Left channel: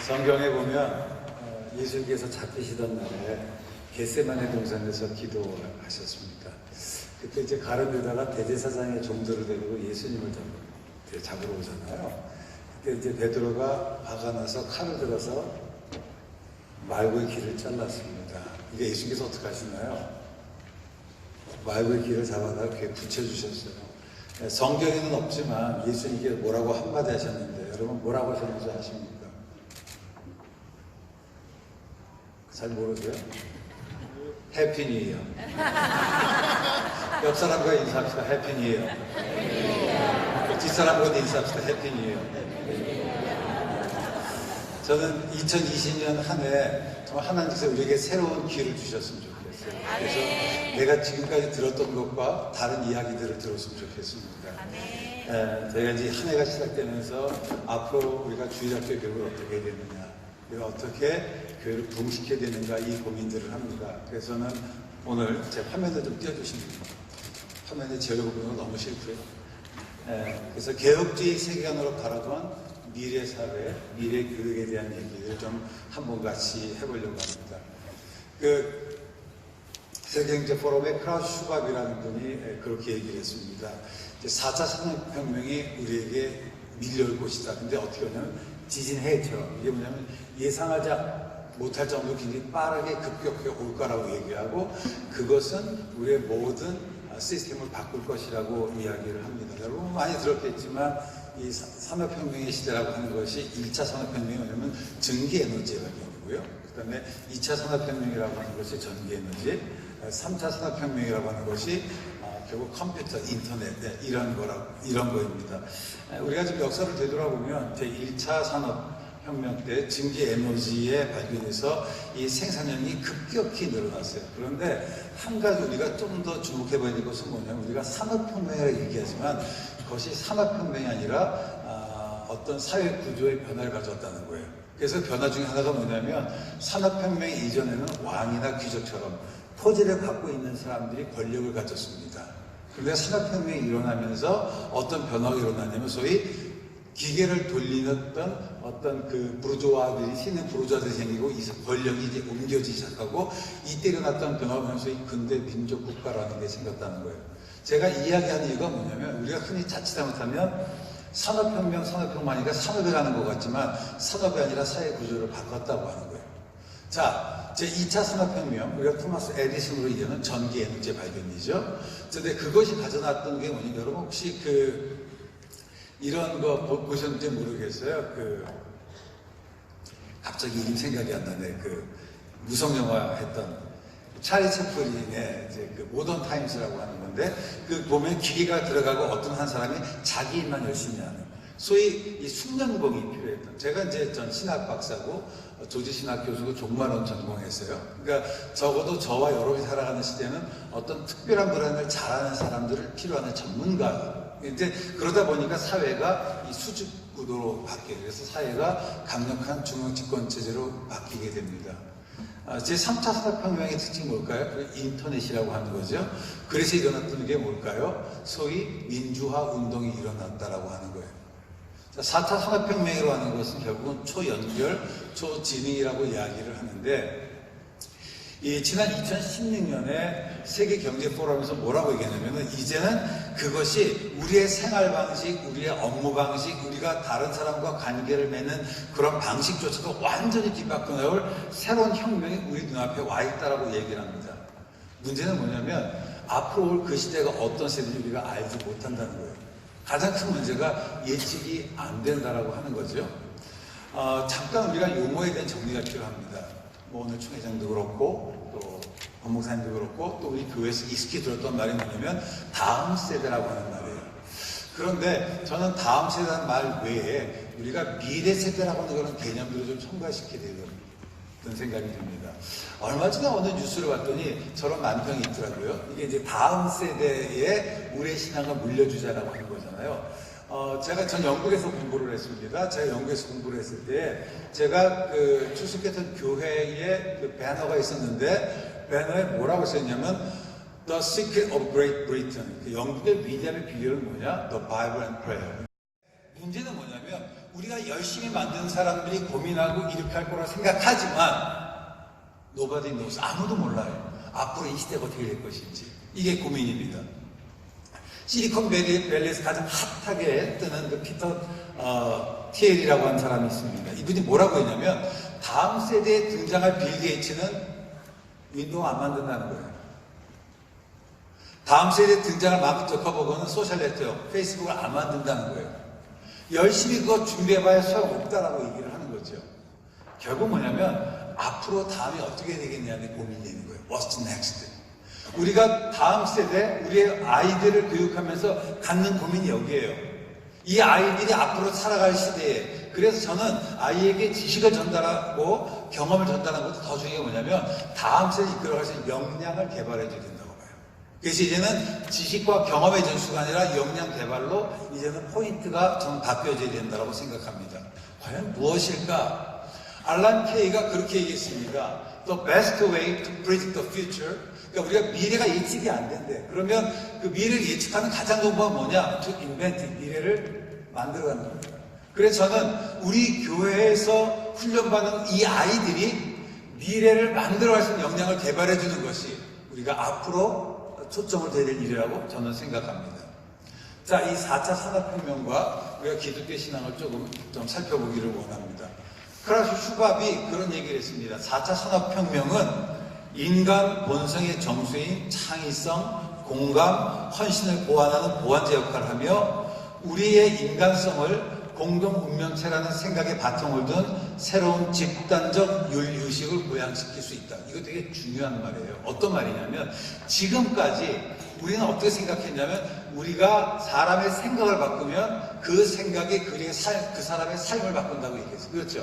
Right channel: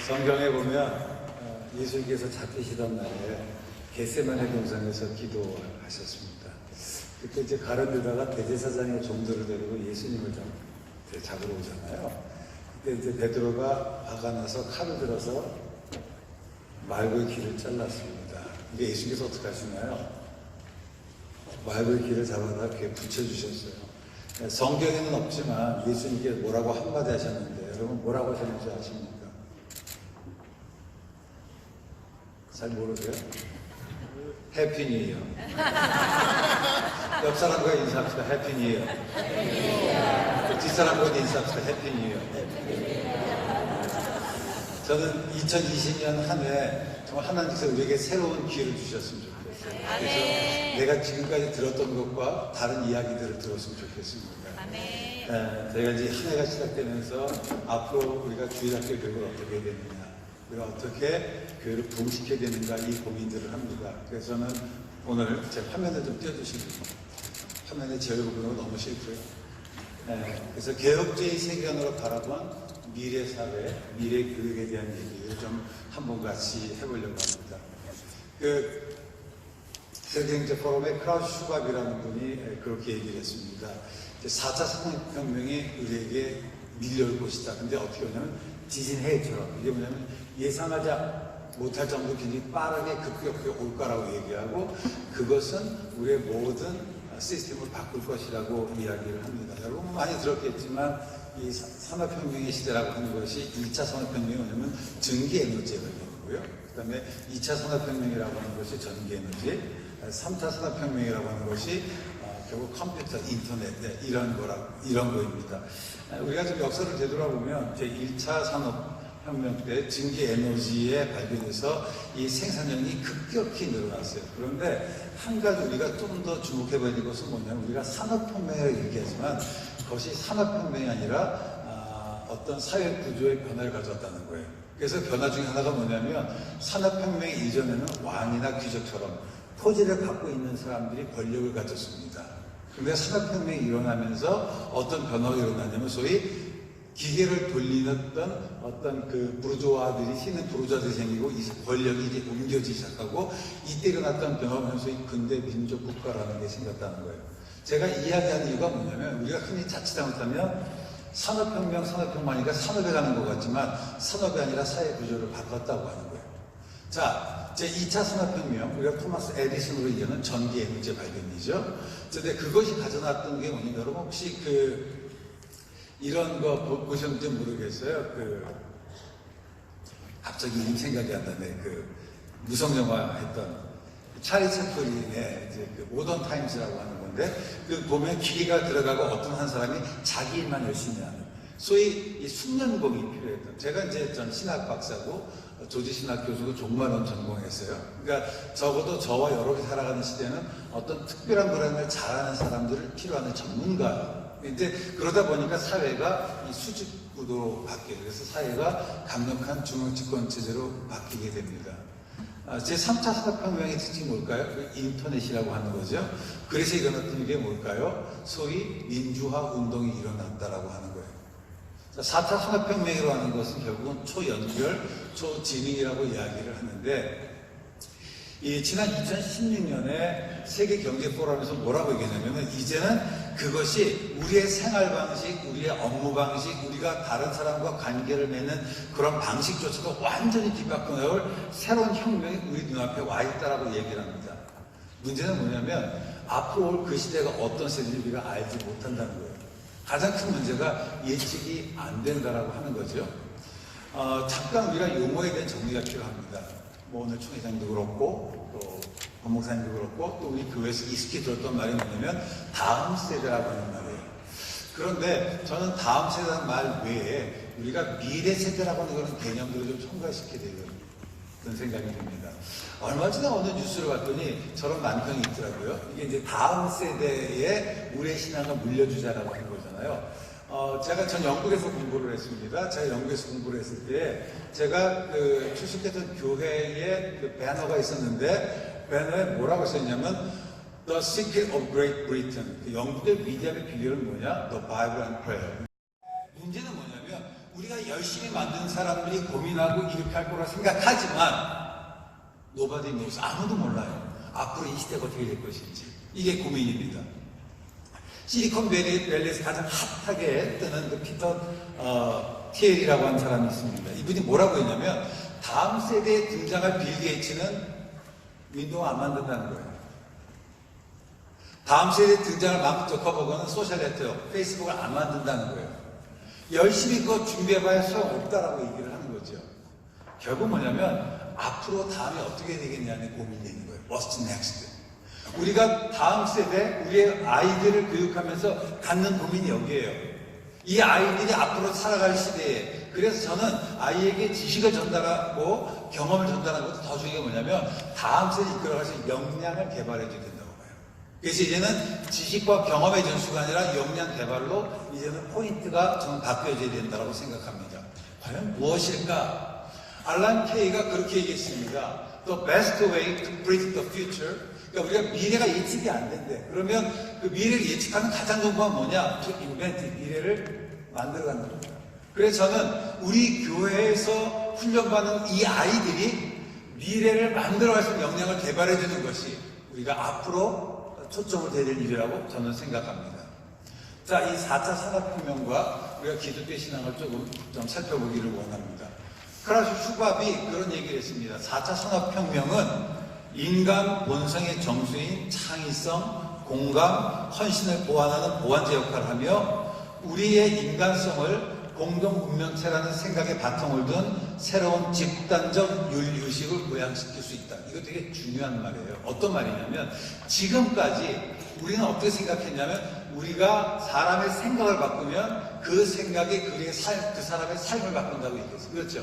성경에 보면 예수님께서 잡히시던 날에 겟세마네 동산에서 기도하셨습니다. 그때 이제 가룟유다가 대제사장의 종들을 데리고 예수님을 잡으러 오잖아요. 그때 이제 베드로가 화가 나서 칼을 들어서 말고의 길을 잘랐습니다. 이게 예수님께서 어떻게 하시나요? 말고의 길을 잡아다 귀에 붙여주셨어요. 성경에는 없지만 예수님께서 뭐라고 한마디 하셨는데 여러분 뭐라고 하셨는지 아십니까? 잘 모르세요? 해피 뉴 이어. 옆 사람과 인사합시다. 해피 뉴 이어. 뒷사람과 인사합시다. 해피 뉴 이어. 저는 2020년 한 해 정말 하나님께서 우리에게 새로운 기회를 주셨으면 좋겠어요. 그래서 내가 지금까지 들었던 것과 다른 이야기들을 들었으면 좋겠습니다. 저희가 이제 한 해가 시작되면서 앞으로 우리가 주일학교 교육을 어떻게 해야 되느냐, 우리가 어떻게 교회를 부흥시켜야 되는가 이 고민들을 합니다. 그래서는 오늘 제 화면을 좀 띄워주시면 화면에 제 얼굴은 너무 싫죠. 그래서 개혁주의 세계관으로 바라본 미래 사회, 미래 교육에 대한 얘기를 좀 한번 같이 해보려고 합니다. 세계경제 포럼의 크라우스 슈밥이라는 분이 그렇게 얘기를 했습니다. 4차 산업혁명이 우리에게 밀려올 것이다. 근데 어떻게 하냐면 지진해처럼. 이게 뭐냐면 예상하지 못할 정도로 굉장히 빠르게 급격하게 올 거라고 얘기하고 그것은 우리의 모든 시스템을 바꿀 것이라고 이야기를 합니다. 여러분 많이 들었겠지만 이 산업혁명의 시대라고 하는 것이 1차 산업혁명이 뭐냐면 전기에너지가 되고요. 그 다음에 2차 산업혁명이라고 하는 것이 전기에너지, 3차 산업혁명이라고 하는 것이 결국 컴퓨터, 인터넷 이런 거입니다. 우리가 좀 역사를 되돌아보면 이제 1차 산업혁명 때 전기에너지에 발견해서 이 생산량이 급격히 늘어났어요. 그런데 한 가지 우리가 좀 더 주목해 봐야 될 것은 뭐냐면 우리가 산업혁명이라고 얘기하지만 그것이 산업혁명이 아니라 어떤 사회 구조의 변화를 가져왔다는 거예요. 그래서 변화 중에 하나가 뭐냐면 산업혁명 이전에는 왕이나 귀족처럼 토지를 갖고 있는 사람들이 권력을 가졌습니다. 그런데 산업혁명이 일어나면서 어떤 변화가 일어나냐면 소위 기계를 돌리는 어떤 그 부르주아들이 신은 부르주아들이 생기고 이 권력이 이제 옮겨지기 시작하고 이때 일어났던 변화가 소위 근대 민족 국가라는 게 생겼다는 거예요. 제가 이야기하는 이유가 뭐냐면 우리가 흔히 자칫 잘못하면 산업혁명하니까 산업에 가는 것 같지만 산업이 아니라 사회 구조를 바꿨다고 하는 거예요. 자, 제 2차 산업혁명, 우리가 토마스 에디슨으로 이제는 전기에너지 발견이죠. 근데 그것이 가져놨던 게 뭐냐면 여러분 혹시 이런 거 보셨는지 모르겠어요. 갑자기 이름 생각이 안 나네. 무성영화 했던 찰리 채플린의 이제 모던 타임스라고 하는 건데 보면 기계가 들어가고 어떤 한 사람이 자기 일만 열심히 하는 소위 이 숙련공이 필요했던. 제가 이제 전 신학 박사고 조지신학 교수고 종말론 전공했어요. 그러니까 적어도 저와 여러분이 살아가는 시대는 어떤 특별한 불안을 잘하는 사람들을 필요하는 전문가. 이제 그러다 보니까 사회가 이 수직 구도로 바뀌어요. 그래서 사회가 강력한 중앙집권 체제로 바뀌게 됩니다. 제3차 산업혁명의 특징이 뭘까요? 인터넷이라고 하는 거죠. 그래서 일어났던 게 뭘까요? 소위 민주화 운동이 일어났다라고 하는 거예요. 4차 산업혁명이라고 하는 것은 결국은 초연결, 초진흥이라고 이야기를 하는데 지난 2016년에 세계경제포럼에서 뭐라고 얘기했냐면 이제는 그것이 우리의 생활 방식, 우리의 업무 방식, 우리가 다른 사람과 관계를 맺는 그런 방식조차도 완전히 뒤바꿔 나올 새로운 혁명이 우리 눈앞에 와 있다라고 얘기를 합니다. 문제는 뭐냐면 앞으로 올 그 시대가 어떤 세대인지 우리가 알지 못한다는 거예요. 가장 큰 문제가 예측이 안 된다라고 하는 거죠. 잠깐 우리가 용어에 대한 정리가 필요합니다. 오늘 총회장도 그렇고 또 법무사님도 그렇고 또 우리 교회에서 익숙히 들었던 말이 뭐냐면 다음 세대라고 하는 말이에요. 그런데 저는 다음 세대라는 말 외에 우리가 미래 세대라고 하는 그런 개념들을 좀 첨가시켜야 되는 생각이 듭니다. 얼마 전에 어느 뉴스를 봤더니 저런 만평이 있더라고요. 이게 이제 다음 세대에 우리의 신앙을 물려주자라고 하는 거잖아요. 전 영국에서 공부를 했습니다. 제가 영국에서 공부를 했을 때, 제가 출석했던 교회에 배너가 있었는데, 배너에 뭐라고 썼냐면, The Secret of Great Britain. 영국의 위대함의 비결은 뭐냐? The Bible and Prayer. 문제는 뭐냐면, 우리가 열심히 만든 사람들이 고민하고 이렇게 할 거라고 생각하지만 nobody knows. 아무도 몰라요. 앞으로 이 시대가 어떻게 될 것인지. 이게 고민입니다. 실리콘밸리에서 가장 핫하게 뜨는 그 피터 티엘이라고 하는 사람이 있습니다. 이분이 뭐라고 했냐면 다음 세대에 등장할 빌 게이츠는 윈도우 안 만든다는 거예요. 다음 세대에 등장할 마크 저커버그는 소셜 네트워크, 페이스북을 안 만든다는 거예요. 열심히 그거 준비해봐야 소용없다라고 얘기를 하는 거죠. 결국 뭐냐면 앞으로 다음에 어떻게 되겠냐는 고민이 있는 거예요. What's next? 우리가 다음 세대, 우리의 아이들을 교육하면서 갖는 고민이 여기에요. 이 아이들이 앞으로 살아갈 시대에, 그래서 저는 아이에게 지식을 전달하고 경험을 전달하는 것도 더 중요한 게 뭐냐면 다음 세대 이끌어가서 역량을 개발해 줘야 된다고 봐요. 그래서 이제는 지식과 경험의 전수가 아니라 역량 개발로 이제는 포인트가 좀 바뀌어져야 된다고 생각합니다. 과연 무엇일까? 알란 케이가 그렇게 얘기했습니다. The best way to predict the future. 그러니까 우리가 미래가 예측이 안 된대. 그러면 그 미래를 예측하는 가장 좋은 건 뭐냐? To invent, 미래를 만들어가는 겁니다. 그래서 저는 우리 교회에서 훈련받는 이 아이들이 미래를 만들어갈 수 있는 역량을 개발해주는 것이 우리가 앞으로 초점을 둬야 될 일이라고 저는 생각합니다. 자, 이 4차 산업혁명과 우리가 기독교 신앙을 조금 좀 살펴보기를 원합니다. 크라슈 슈밥이 그런 얘기를 했습니다. 4차 산업혁명은 인간 본성의 정수인 창의성, 공감, 헌신을 보완하는 보완제 역할을 하며 우리의 인간성을 공동 운명체라는 생각에 바탕을 둔 새로운 집단적 윤리의식을 모양시킬 수 있다. 이거 되게 중요한 말이에요. 어떤 말이냐면 지금까지 우리는 어떻게 생각했냐면 우리가 사람의 생각을 바꾸면 그 생각이 그 사람의 삶을 바꾼다고 얘기했어요. 그렇죠?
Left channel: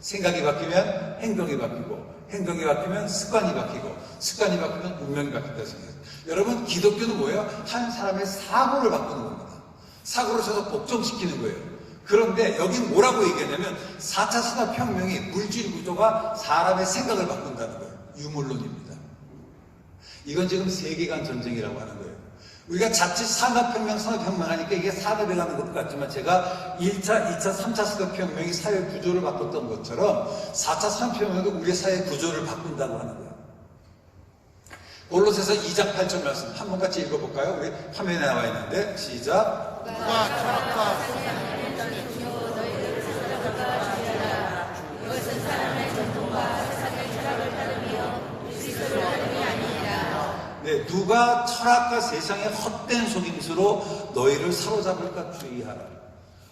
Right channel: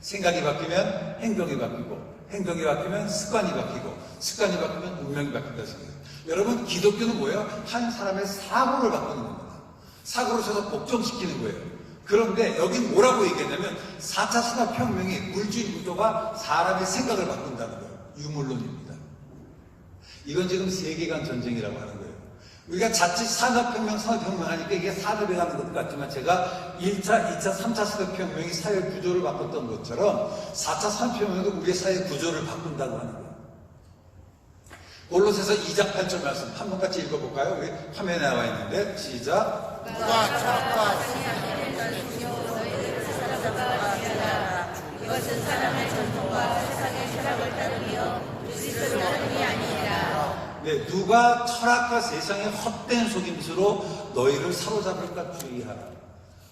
생각이 바뀌면 행동이 바뀌고 행동이 바뀌면 습관이 바뀌고 습관이 바뀌면 운명이 바뀐다고 생각해요. 여러분 기독교는 뭐예요? 한 사람의 사고를 바꾸는 겁니다. 사고를 서서 복종시키는 거예요. 그런데 여긴 뭐라고 얘기하냐면 4차 산업혁명의 물질 구조가 사람의 생각을 바꾼다는 거예요. 유물론입니다. 이건 지금 세계관 전쟁이라고 하는 거예요. 우리가 자칫 산업혁명 하니까 이게 산업에 가는 것 같지만 제가 1차, 2차, 3차 산업혁명이 사회 구조를 바꿨던 것처럼 4차 산업혁명도 우리의 사회 구조를 바꾼다고 하는 거예요. 골로새서 2장 8절 말씀 한번 같이 읽어볼까요? 우리 화면에 나와 있는데 시작. 이것은 사람의 전통과 세상의 철학을 따르며 그리스도를 따름이 아니니라. 네, 누가 철학과 세상의 헛된 속임수로 너희를 사로잡을까 주의하라.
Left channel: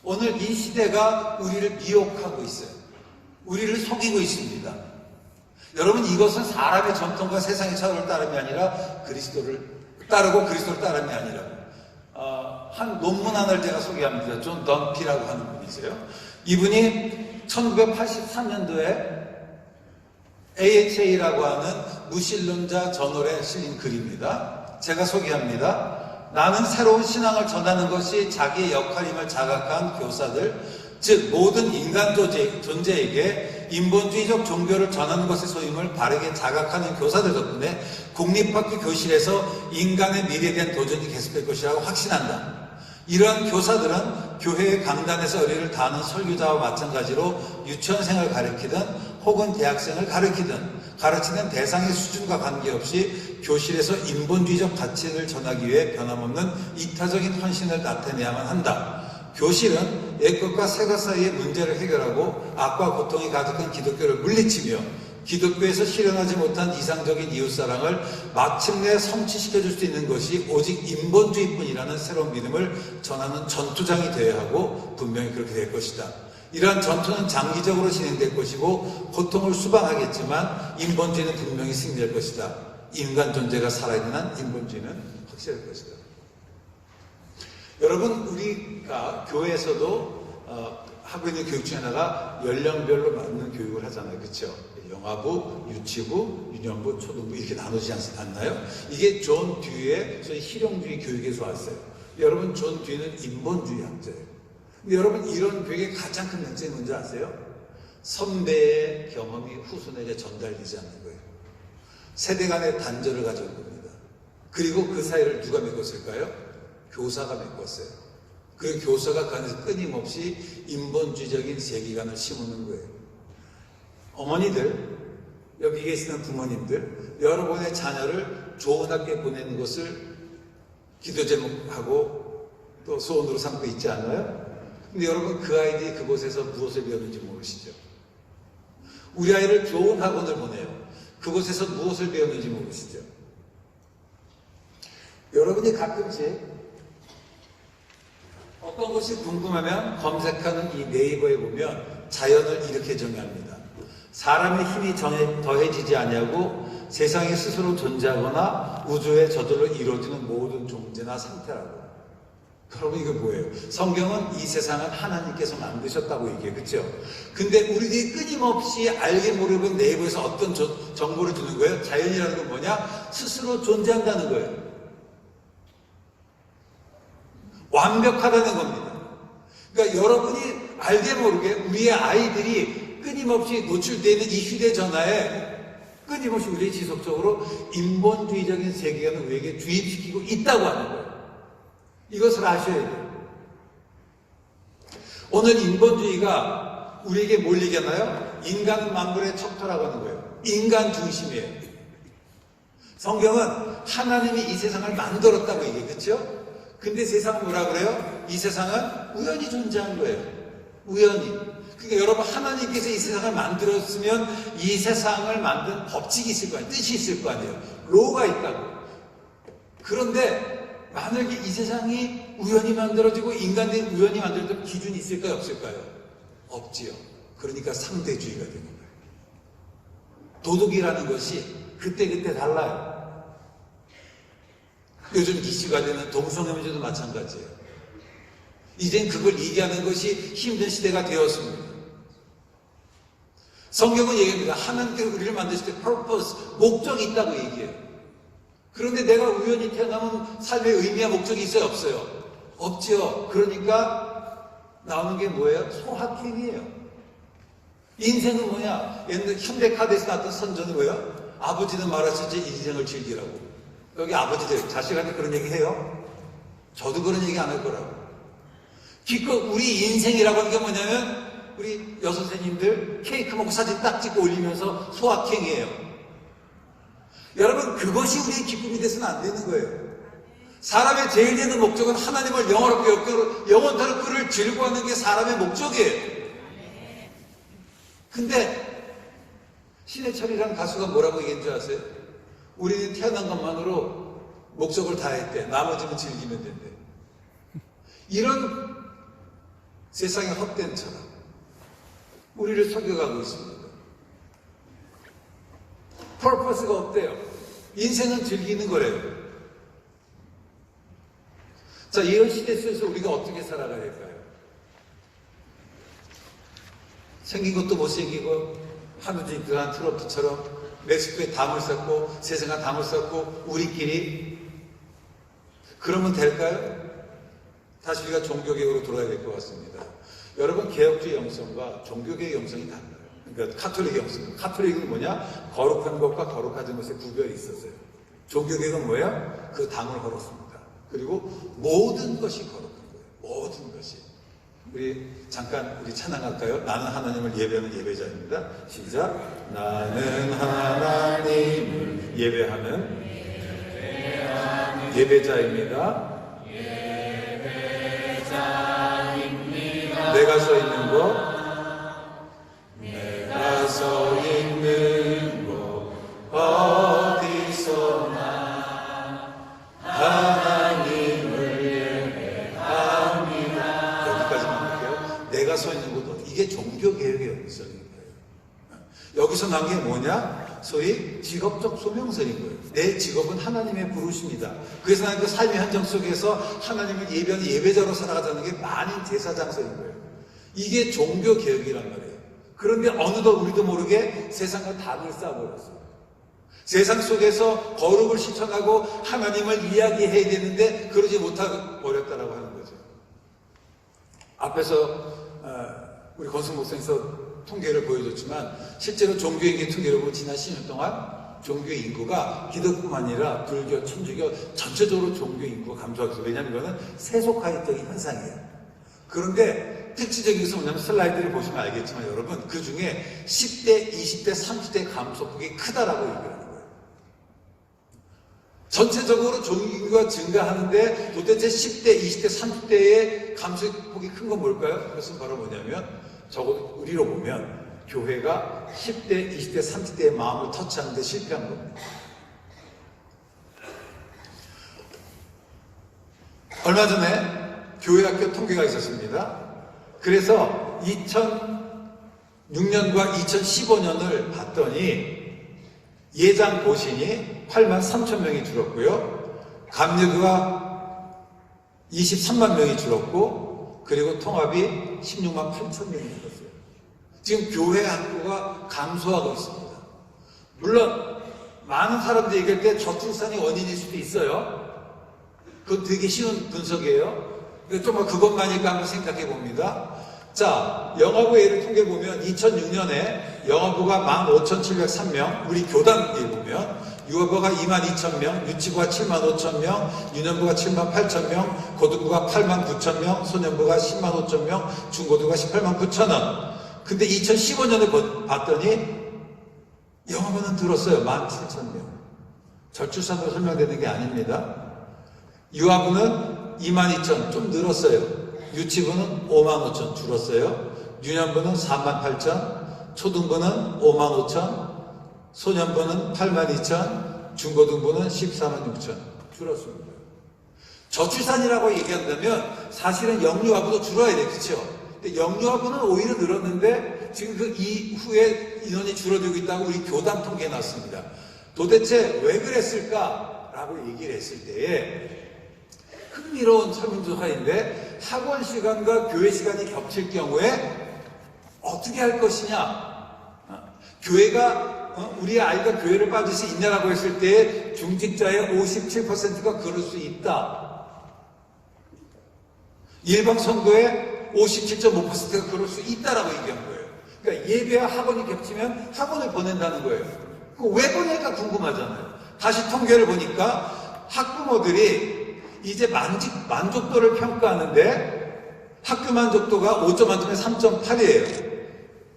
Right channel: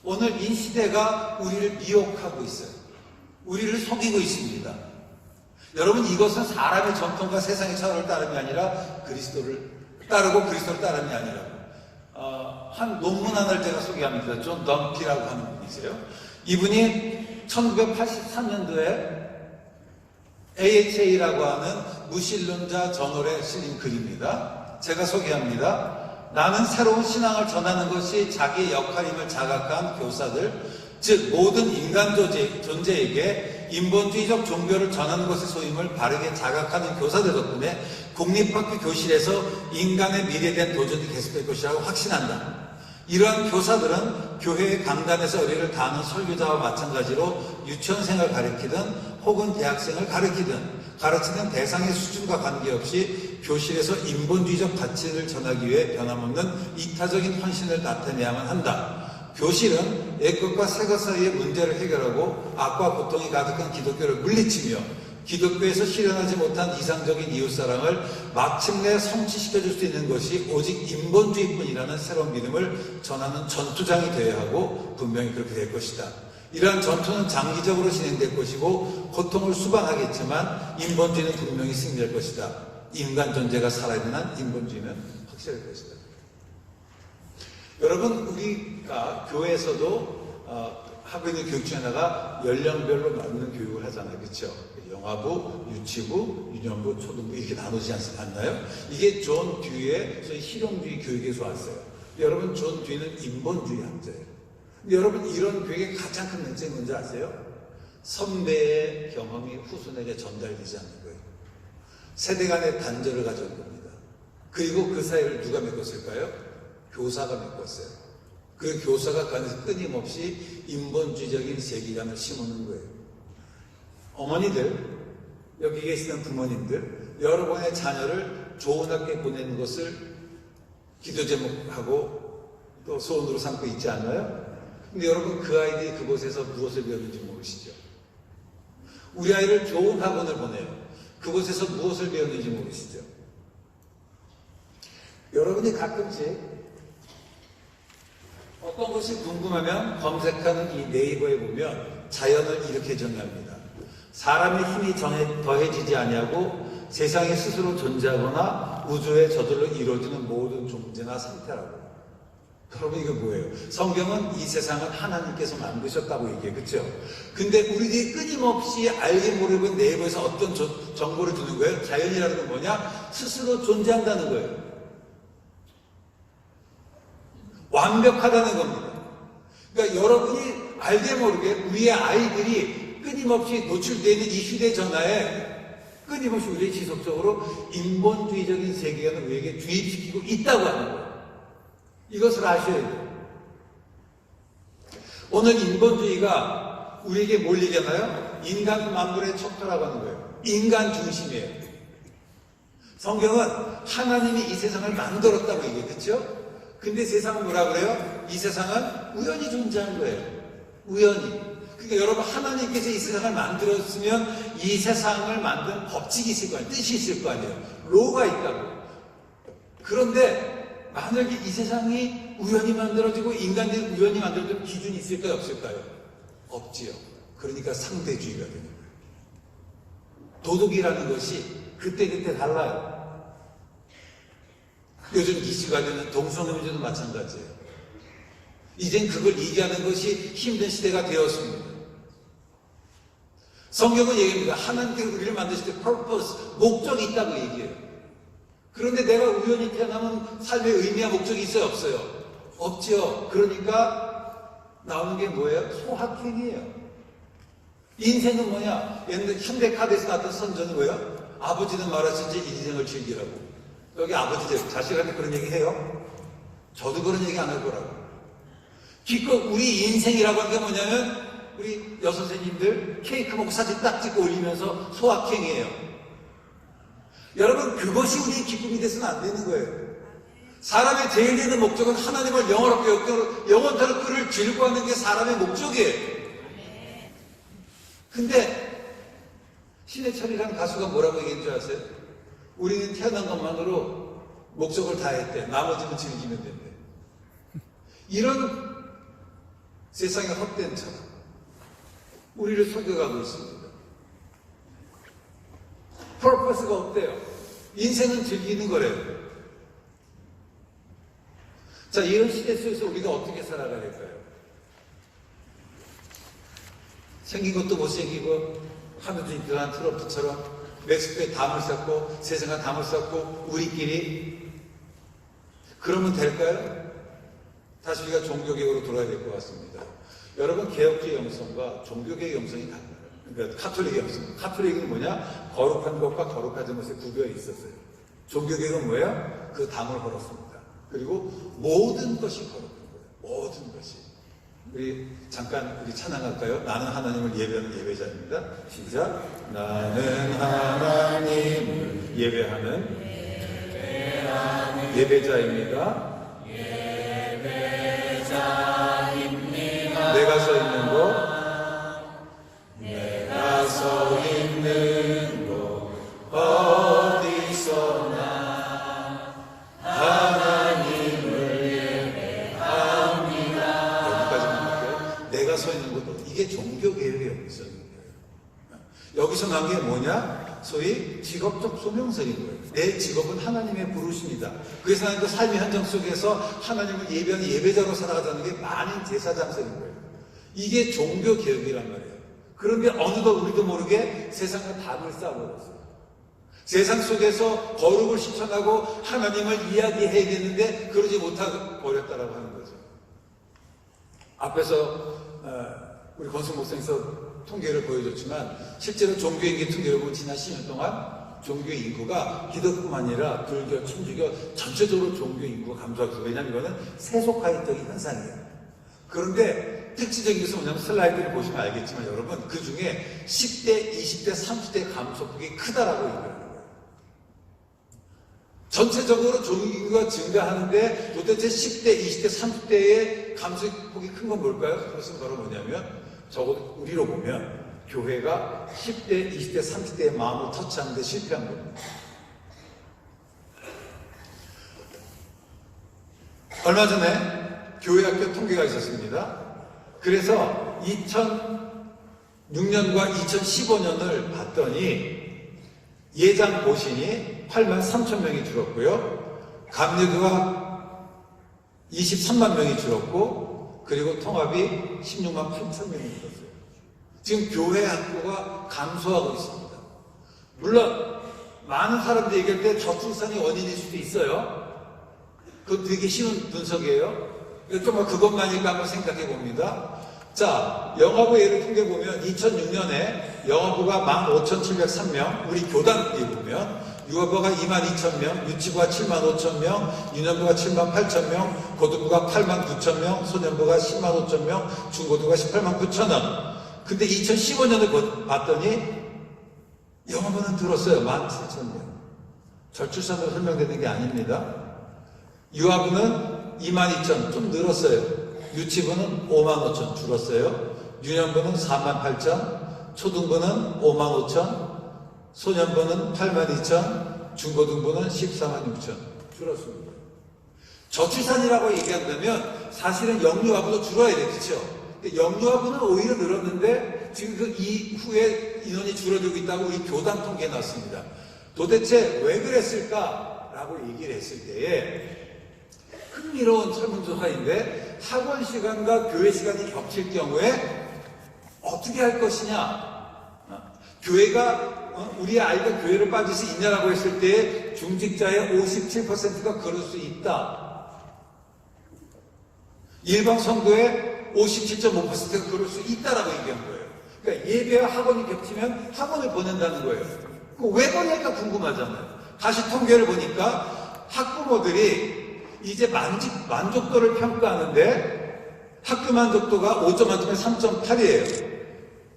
오늘 이 시대가 우리를 미혹하고 있어요. 우리를 속이고 있습니다. 여러분 이것은 사람의 전통과 세상의 철학을 따름이 아니라 그리스도를 따르고 그리스도를 따름이 아니라 한 논문 하나를 제가 소개합니다. 존 덤피라고 하는 분이세요. 이분이 1983년도에 AHA라고 하는 무신론자 저널에 실린 글입니다. 제가 소개합니다. 나는 새로운 신앙을 전하는 것이 자기의 역할임을 자각한 교사들, 즉 모든 인간 존재에게 인본주의적 종교를 전하는 것의 소임을 바르게 자각하는 교사들 덕분에 공립학교 교실에서 인간의 미래에 대한 도전이 계속될 것이라고 확신한다. 이러한 교사들은 교회의 강단에서 의뢰를 다하는 설교자와 마찬가지로 유치원생을 가르치든 혹은 대학생을 가르치는 대상의 수준과 관계없이 교실에서 인본주의적 가치를 전하기 위해 변함없는 이타적인 헌신을 나타내야만 한다. 교실은 옛것과 새것 사이의 문제를 해결하고 악과 고통이 가득한 기독교를 물리치며 기독교에서 실현하지 못한 이상적인 이웃사랑을 마침내 성취시켜줄 수 있는 것이 오직 인본주의뿐이라는 새로운 믿음을 전하는 전투장이 되어야 하고 분명히 그렇게 될 것이다. 이러한 전투는 장기적으로 진행될 것이고 고통을 수반하겠지만 인본주의는 분명히 승리할 것이다. 인간 존재가 살아있는 한 인본주의는 확실할 것이다. 여러분 우리가 교회에서도 하고 있는 교육 중에 하나가 연령별로 맞는 교육을 하잖아요. 그렇죠? 영아부, 유치부, 유년부, 초등부 이렇게 나누지 않나요? 이게 존 듀의 소위 실용주의 교육에서 왔어요. 여러분 존 듀는 인본주의 학자예요. 근데 여러분 이런 교육의 가장 큰 문제는 뭔지 아세요? 선배의 경험이 후손에게 전달되지 않는 거예요. 세대 간의 단절을 가져온 겁니다. 그리고 그 사이를 누가 메꿨을까요? 교사가 메꿨어요. 그 교사가 그 안에서 끊임없이 인본주의적인 세계관을 심는 거예요. 어머니들, 여기 계시는 부모님들, 여러분의 자녀를 좋은 학교에 보내는 것을 기도 제목하고 또 소원으로 삼고 있지 않아요? 근데 여러분 그 아이들이 그곳에서 무엇을 배우는지 모르시죠? 우리 아이를 좋은 학원을 보내요. 그곳에서 무엇을 배우는지 모르시죠? 여러분이 가끔씩 어떤 것이 궁금하면 검색하는 이 네이버에 보면 자연을 이렇게 정의합니다. 사람의 힘이 더해지지 아니하고 세상에 스스로 존재하거나 우주에 저절로 이루어지는 모든 존재나 상태라고. 그러면 이게 뭐예요? 성경은 이 세상은 하나님께서 만드셨다고 얘기해요. 그렇죠? 근데 우리들이 끊임없이 알게 모르고 네이버에서 어떤 정보를 주는 거예요? 자연이라는 건 뭐냐? 스스로 존재한다는 거예요. 완벽하다는 겁니다. 그러니까 여러분이 알게 모르게 우리의 아이들이 끊임없이 노출되어 있는 이 휴대전화에 끊임없이 우리 지속적으로 인본주의적인 세계관을 우리에게 주입시키고 있다고 하는 거예요. 이것을 아셔야 돼요. 오늘 인본주의가 우리에게 뭘 얘기하나요? 인간 만물의 척도라고 하는 거예요. 인간 중심이에요. 성경은 하나님이 이 세상을 만들었다고 얘기해요. 그렇죠? 근데 세상은 뭐라 그래요? 이 세상은 우연히 존재한 거예요. 우연히. 그러니까 여러분 하나님께서 이 세상을 만들었으면 이 세상을 만든 법칙이 있을 거 아니에요. 뜻이 있을 거 아니에요. 로가 있다고. 그런데 만약에 이 세상이 우연히 만들어지고 인간들이 우연히 만들어진 기준이 있을까요? 없을까요? 없지요. 그러니까 상대주의가 되는 거예요. 도덕이라는 것이 그때그때 달라요. 요즘 이슈가 되는 동성애문제도 마찬가지예요. 이젠 그걸 얘기하는 것이 힘든 시대가 되었습니다. 성경은 얘기합니다. 하나님께서 우리를 만드실 때 purpose, 목적이 있다고 얘기해요. 그런데 내가 우연히 태어나는 삶의 의미와 목적이 있어요? 없어요? 없죠. 그러니까 나오는 게 뭐예요? 소확행이에요. 인생은 뭐냐? 옛날 현대카드에서 나왔던 선전은 뭐예요? 아버지는 말하셨지 인생을 즐기라고. 여기 아버지들 자식한테 그런 얘기 해요? 저도 그런 얘기 안 할 거라고. 기껏 우리 인생이라고 하는 게 뭐냐면 우리 여선생님들 케이크 먹고 사진 딱 찍고 올리면서 소확행이에요. 여러분 그것이 우리의 기쁨이 돼서는 안 되는 거예요. 사람의 제일 되는 목적은 하나님을 영원토록 그를 즐거워하는 게 사람의 목적이에요. 근데 신해철이라는 가수가 뭐라고 얘기한 줄 아세요? 우리는 태어난 것만으로 목적을 다했대. 나머지는 즐기면 된대. 이런 세상의 헛된 철학 우리를 속여가고 있습니다. 퍼포스가 없대요. 인생은 즐기는 거래요. 자, 이런 시대 속에서 우리가 어떻게 살아가야 할까요? 생긴 것도 못생기고 하늘이 그한 트로트처럼 멕시코에 담을 쌓고 세상에 담을 쌓고 우리끼리 그러면 될까요? 다시 우리가 종교개혁으로 돌아야 될 것 같습니다. 여러분 개혁주의 영성과 종교개혁 영성이 달라요. 그러니까 카톨릭 영성. 카톨릭은 뭐냐? 거룩한 것과 거룩하지 것의 구별이 있었어요. 종교개혁은 뭐예요? 그 담을 걸었습니다. 그리고 모든 것이 거룩한 거예요. 모든 것이. 우리 잠깐 우리 찬양할까요? 나는 하나님을 예배하는 예배자입니다. 시작. 나는 하나님을 예배하는 예배자입니다. 내가 서 있는 곳 어디서나 하나님을 예배합니다. 여기까지만 할게요. 내가 서 있는 곳 이게 종교개혁의 영성입니다. 여기서 나온 게 뭐냐? 소위 직업적 소명서인 거예요. 내 직업은 하나님의 부르심이다. 그래서 나는 그 삶의 현장 속에서 하나님을 예배하는 예배자로 살아가자는 게 만인 제사장서인 거예요. 이게 종교개혁이란 말이에요. 그런데 어느덧 우리도 모르게 세상과 담을 쌓아버렸어요. 세상 속에서 거룩을 실천하고 하나님을 이야기해야 되는데 그러지 못하고 버렸다라고 하는 거죠. 앞에서 우리 권순 목사님께서 통계를 보여줬지만 실제로 종교인기 통계를 보면 지난 10년 동안 종교의 인구가 기독뿐만 아니라 불교, 천주교 전체적으로 종교 인구가 감소하고 있어요. 왜냐하면 이거는 세속화적인 현상이에요. 그런데 특징적인 것은 뭐냐면 슬라이드를 보시면 알겠지만 여러분 그 중에 10대, 20대, 30대 감소폭이 크다라고 얘기하는 거예요. 전체적으로 종교가 증가하는데 도대체 10대, 20대, 30대의 감소폭이 큰 건 뭘까요? 그것은 바로 뭐냐면 적어도 우리로 보면 교회가 10대, 20대, 30대의 마음을 터치하는 데 실패한 겁니다. 얼마 전에 교회학교 통계가 있었습니다. 그래서 2006년과 2015년을 봤더니 예장 보신이 8만 3천 명이 줄었고요. 감리교가 23만 명이 줄었고 그리고 통합이 16만 8천 명이 줄었어요. 지금 교회 학교가 감소하고 있습니다. 물론 많은 사람들이 얘기할 때 저출산이 원인일 수도 있어요. 그건 되게 쉬운 분석이에요. 정말 그것만일까 한번 생각해 봅니다. 자, 영화부 예를 통계 보면 2006년에 영화부가 15,703명, 우리 교단에 보면 유아부가 22,000명, 유치부가 75,000명, 유년부가 78,000명, 고등부가 89,000명, 소년부가 105,000명, 중고등부가 189,000원. 근데 2015년을 봤더니 영화부는 늘었어요. 17,000명. 저출산으로 설명되는 게 아닙니다. 유아부는 22,000 좀 늘었어요. 유치부는 55,000 줄었어요. 유년부는 48,000, 초등부는 55,000, 소년부는 82,000, 중고등부는 146,000 줄었습니다. 저출산이라고 얘기한다면 사실은 영유아부도 줄어야 돼, 그렇죠? 근데 영유아부는 오히려 늘었는데 지금 그 이후에 인원이 줄어들고 있다고 우리 교당 통계에 났습니다. 도대체 왜 그랬을까라고 얘기를 했을 때에 흥미로운 설문조사인데 학원 시간과 교회 시간이 겹칠 경우에 어떻게 할 것이냐. 교회가 우리 아이가 교회를 빠질 수 있냐라고 했을 때 중직자의 57%가 그럴 수 있다. 일반 선거의 57.5%가 그럴 수 있다라고 얘기한 거예요. 그러니까 예배와 학원이 겹치면 학원을 보낸다는 거예요. 왜 그러니까 궁금하잖아요. 다시 통계를 보니까 학부모들이 이제 만족도를 평가하는데 학교 만족도가 5점 만점에 3.8이에요.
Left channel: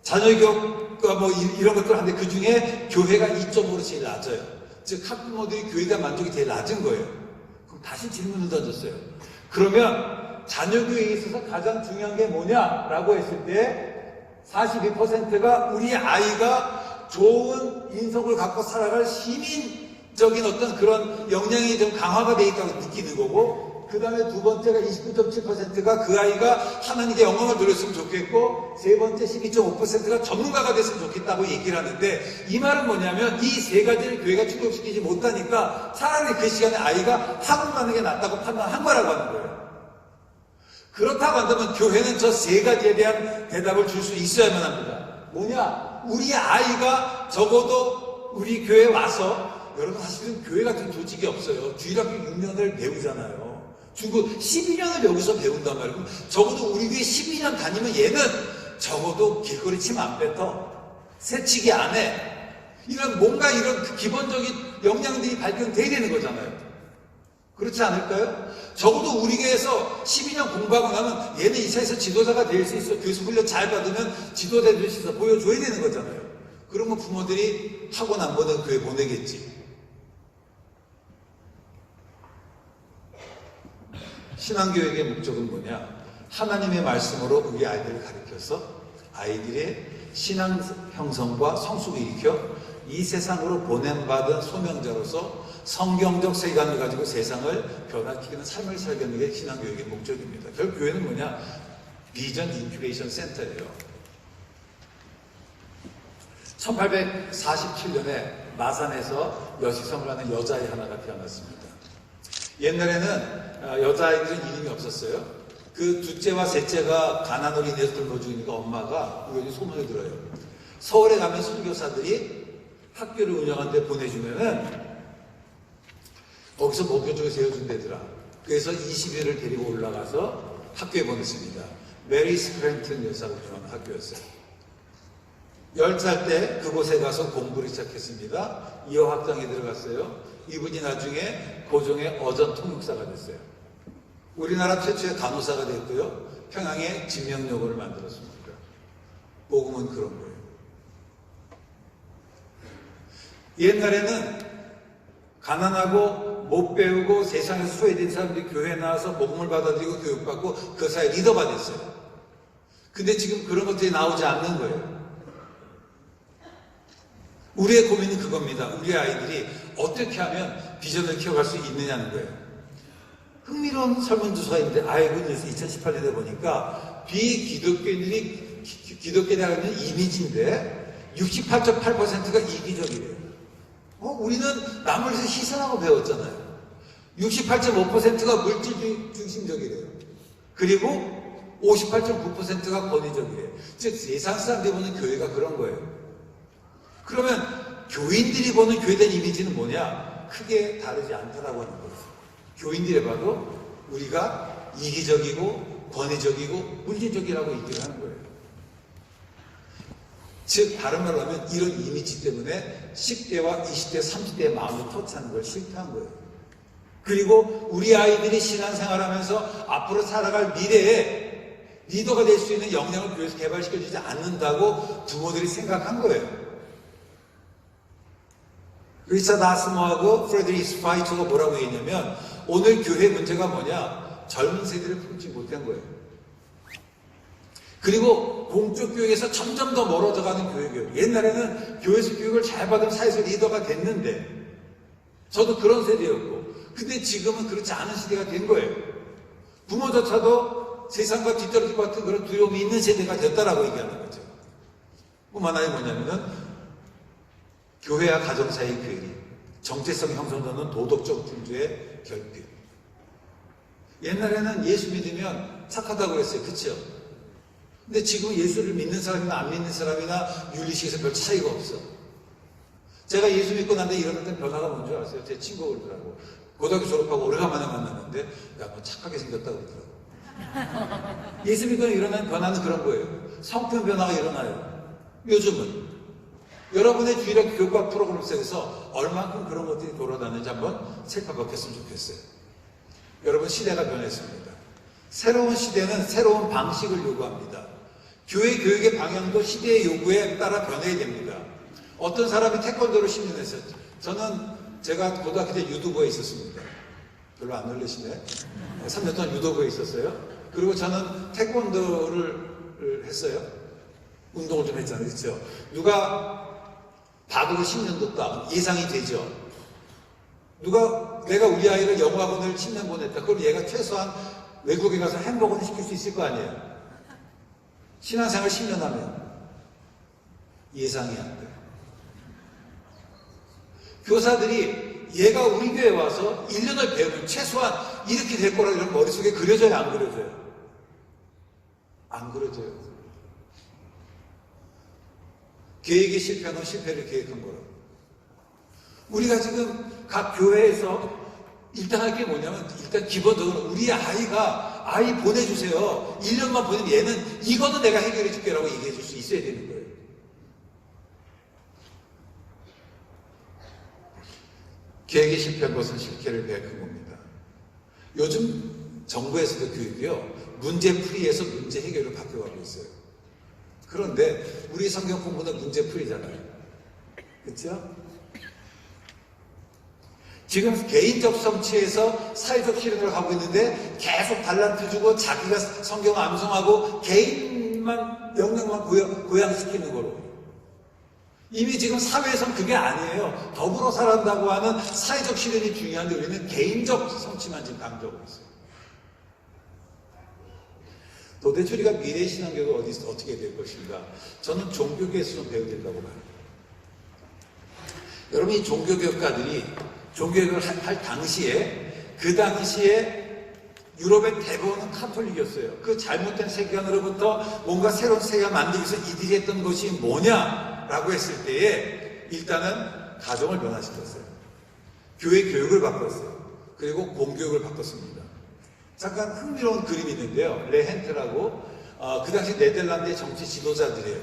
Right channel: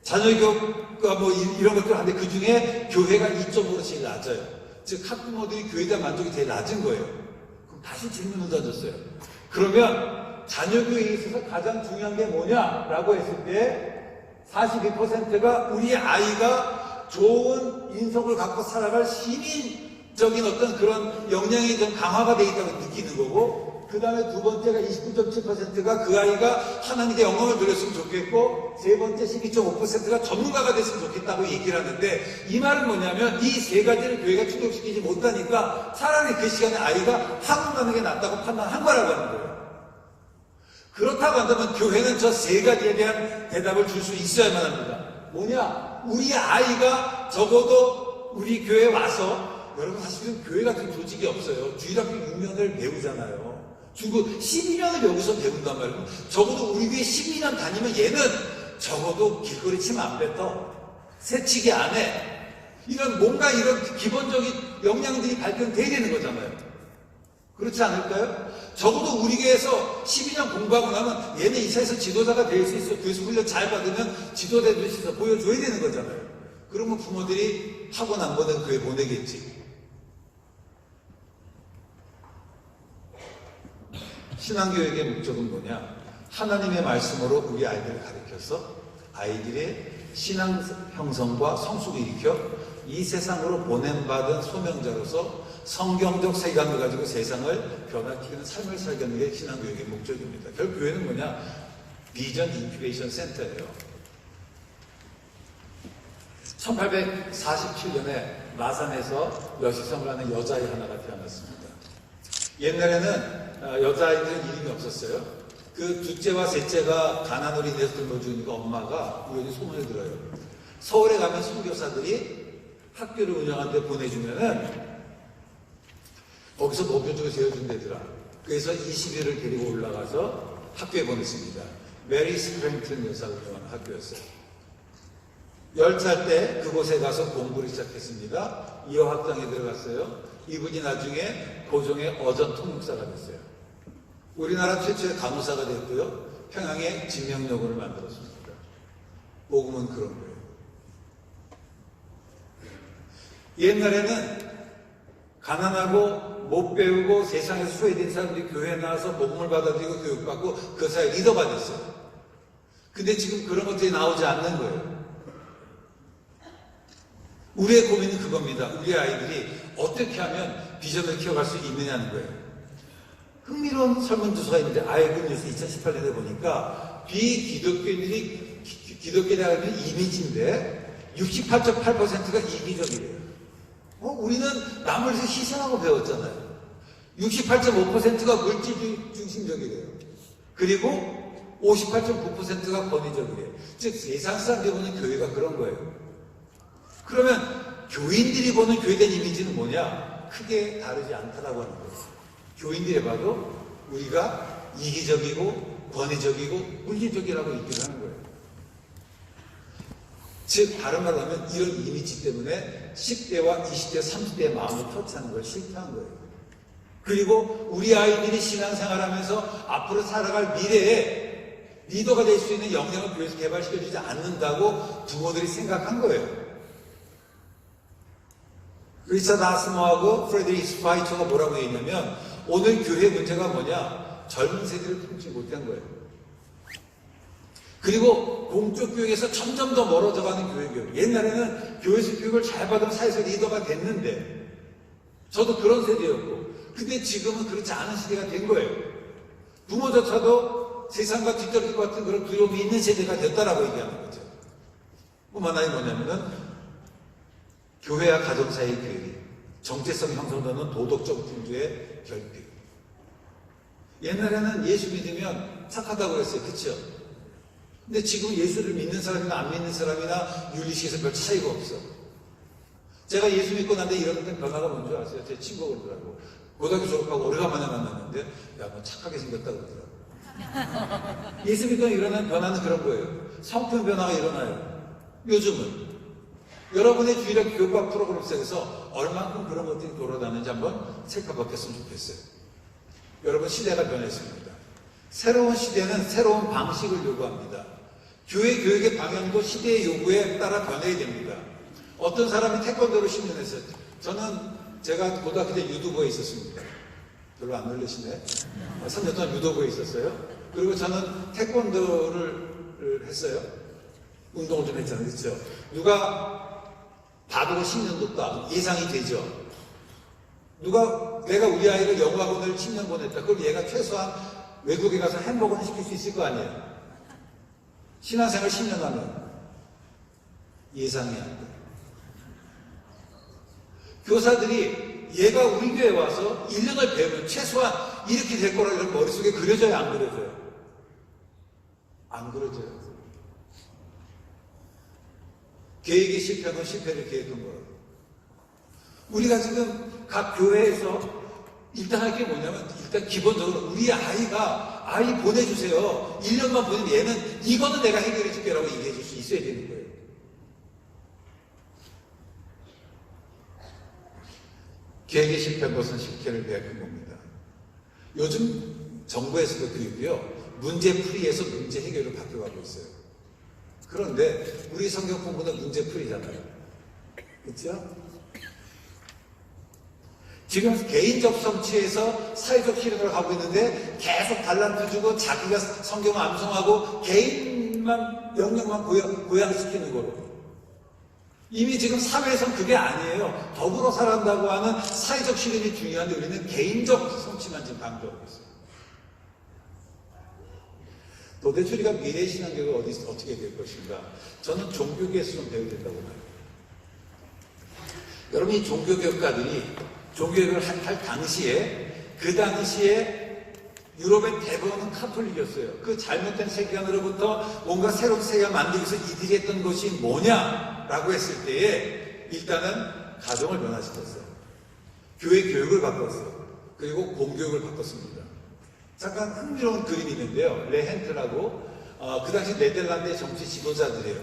자녀교육과 뭐 이런 것들 하는데 그 중에 교회가 2.5로 제일 낮아요. 즉 학부모들이 교회에 대한 만족이 제일 낮은 거예요. 그럼 다시 질문을 던졌어요. 그러면 자녀교육에 있어서 가장 중요한 게 뭐냐라고 했을 때 42%가 우리 아이가 좋은 인성을 갖고 살아갈 시민적인 어떤 그런 역량이 좀 강화가 되어 있다고 느끼는 거고, 그 다음에 두 번째가 29.7%가 그 아이가 하나님께 영광을 누렸으면 좋겠고, 세 번째 12.5%가 전문가가 됐으면 좋겠다고 얘기를 하는데, 이 말은 뭐냐면 이 세 가지를 교회가 충족시키지 못하니까 차라리 그 시간에 아이가 학원 가는 게 낫다고 판단한 거라고 하는 거예요. 그렇다고 한다면 교회는 저 세 가지에 대한 대답을 줄 수 있어야만 합니다. 뭐냐? 우리 아이가 적어도 우리 교회에 와서, 여러분 사실은 교회 같은 조직이 없어요. 주일학교 6년을 배우잖아요. 주고 12년을 여기서 배운단 말이에요. 적어도 우리 교회 12년 다니면 얘는 적어도 길거리 침 안 뱉어. 새치기 안 해. 이런 뭔가 이런 기본적인 역량들이 발견돼야 되는 거잖아요. 그렇지 않을까요? 적어도 우리 교회에서 12년 공부하고 나면 얘는 이 차에서 지도자가 될 수 있어. 교수 훈련 잘 받으면 지도자 될 수 있어. 보여줘야 되는 거잖아요. 그러면 부모들이 학원 안 보낸 교회 보내겠지. 신앙교육의 목적은 뭐냐? 하나님의 말씀으로 우리 아이들을 가르쳐서 아이들의 신앙 형성과 성숙을 일으켜 이 세상으로 보냄받은 소명자로서 성경적 세계관을 가지고 세상을 변화시키는 삶을 살게 게 신앙교육의 목적입니다. 결국 교회는 뭐냐? 비전 인큐베이션 센터예요. 1847년에 마산에서 여시성을 하는 여자아이 하나가 태어났습니다. 옛날에는 여자아이들은 이름이 없었어요. 그 둘째와 셋째가 가난으로 인해서 돌보 죽으니까 엄마가 우연히 소문을 들어요. 서울에 가면 선교사들이 학교를 운영하는 데 보내주면은 거기서 목표적으로 세워준대더라. 그래서 20일을 데리고 올라가서 학교에 보냈습니다. 메리 스프랭튼 여사가 운영하는 학교였어요. 10살 때 그곳에 가서 공부를 시작했습니다. 2호 학당에 들어갔어요. 이분이 나중에 고종의 어전 통역사가 됐어요. 우리나라 최초의 간호사가 됐고요. 평양의 진명로를 만들었습니다. 복음은 그런 거예요. 옛날에는 가난하고 못 배우고 세상에서 소외된 사람들이 교회에 나와서 복음을 받아들이고 교육받고 그 사회 리더가 됐어요. 근데 지금 그런 것들이 나오지 않는 거예요. 우리의 고민은 그겁니다. 우리 아이들이 어떻게 하면 비전을 키워갈 수 있느냐는 거예요. 흥미로운 설문조사가 있는데 아이굿뉴스 2018년에 보니까 비기독교인들이 기독교에 대한 이미지인데 68.8%가 이기적이래요. 우리는 남을 희생하고 배웠잖아요. 68.5%가 물질 중심적이래요. 그리고 58.9%가 권위적이래요. 즉 세상 사람들이 보는 교회가 그런 거예요. 그러면 교인들이 보는 교회에 대한 이미지는 뭐냐? 크게 다르지 않다라고 하는 거예요. 교인들이 봐도 우리가 이기적이고 권위적이고 물질적이라고 얘기를 하는 거예요. 즉 다른 말로 하면 이런 이미지 때문에 10대와 20대, 30대의 마음을 터치하는 걸 싫다는 거예요. 그리고 우리 아이들이 신앙생활하면서 앞으로 살아갈 미래에 리더가 될 수 있는 역량을 교회에서 개발시켜주지 않는다고 부모들이 생각한 거예요. 리차드 아스모하고 프레드리크 스파이처가 뭐라고 했냐면 오늘 교회 문제가 뭐냐? 젊은 세대를 품지 못한 거예요. 그리고 공적 교육에서 점점 더 멀어져가는 교육. 옛날에는 교회에서 교육을 잘 받으면 사회에서 리더가 됐는데 저도 그런 세대였고 근데 지금은 그렇지 않은 시대가 된 거예요. 부모조차도 세상과 뒤떨어질 것 같은 그런 두려움이 있는 세대가 됐다라고 얘기하는 거죠. 뿐 하나는 뭐냐면은 교회와 가정 사이의 괴리, 정체성 형성되는 도덕적 풍조의 결핍. 옛날에는 예수 믿으면 착하다고 그랬어요. 그렇죠? 근데 지금 예수를 믿는 사람이나 안 믿는 사람이나 윤리식에서 별 차이가 없어. 제가 예수 믿고 난데 이러는데 변화가 뭔지 아세요? 제 친구가 그러더라고. 고등학교 졸업하고 오래간만에 만났는데 야, 뭐 착하게 생겼다 그러더라고. 예수 믿고 일어나는 변화는 그런 거예요. 성품 변화가 일어나요. 요즘은. 여러분의 주일학 교육학 프로그램 속에서 얼만큼 그런 것들이 돌아다니는지 한번 살펴봤으면 좋겠어요. 여러분 시대가 변했습니다. 새로운 시대는 새로운 방식을 요구합니다. 교회 교육의 방향도 시대의 요구에 따라 변해야 됩니다. 어떤 사람이 태권도를 10년 했어요. 제가 고등학교 때 유도부에 있었습니다. 별로 안 놀라시네. 3년 동안 유도부에 있었어요. 그리고 저는 태권도를 했어요. 운동을 좀 했잖아요. 그렇죠? 누가 바둑을 10년 뒀다. 예상이 되죠. 내가 우리 아이를 영어학원을 10년 보냈다. 그럼 얘가 최소한 외국에 가서 햄버거는 시킬 수 있을 거 아니에요. 신앙생활 10년 하면 예상이 안 돼요. 교사들이 얘가 우리 교회에 와서 1년을 배우면 최소한 이렇게 될 거라고 이런 머릿속에 그려져요? 안 그려져요? 안 그려져요. 계획이 실패하면 실패를 계획한 거라고. 우리가 지금 각 교회에서 일단 할 게 뭐냐면 일단 기본적으로 우리 아이 보내주세요. 1년만 보내면 얘는 이거는 내가 해결해 줄게라고 얘기해 줄 수 있어야 되는 거예요. 계획이 실패한 것은 실패를 배약한 겁니다. 요즘 정부에서도 교육이요. 문제풀이에서 문제 해결을 바뀌어가고 있어요. 그런데 우리 성경 공부는 문제풀이잖아요. 그렇죠? 지금 개인적 성취에서 사회적 실현을 하고 있는데 계속 달란트 주고 자기가 성경 암송하고 개인만 영역만 고양시키는 거로. 이미 지금 사회에서는 그게 아니에요. 더불어 살아간다고 하는 사회적 실현이 중요한데 우리는 개인적 성취만 지금 강조하고 있어요. 도대체 우리가 미래의 신앙교육을 어디서 어떻게 될 것인가? 저는 종교교에서 좀 배워야 된다고 봐요. 여러분 이 종교교육가들이 종교교육을 할 당시에 그 당시에 유럽의 대부분은 카톨릭이었어요. 그 잘못된 세계관으로부터 뭔가 새로운 세계가 만들기 위해서 이들이 했던 것이 뭐냐라고 했을 때에 일단은 가정을 변화시켰어요. 교회 교육을 바꿨어요. 그리고 공교육을 바꿨습니다. 잠깐 흥미로운 그림이 있는데요. 레헨트라고 그 당시 네덜란드의 정치 지도자들이에요.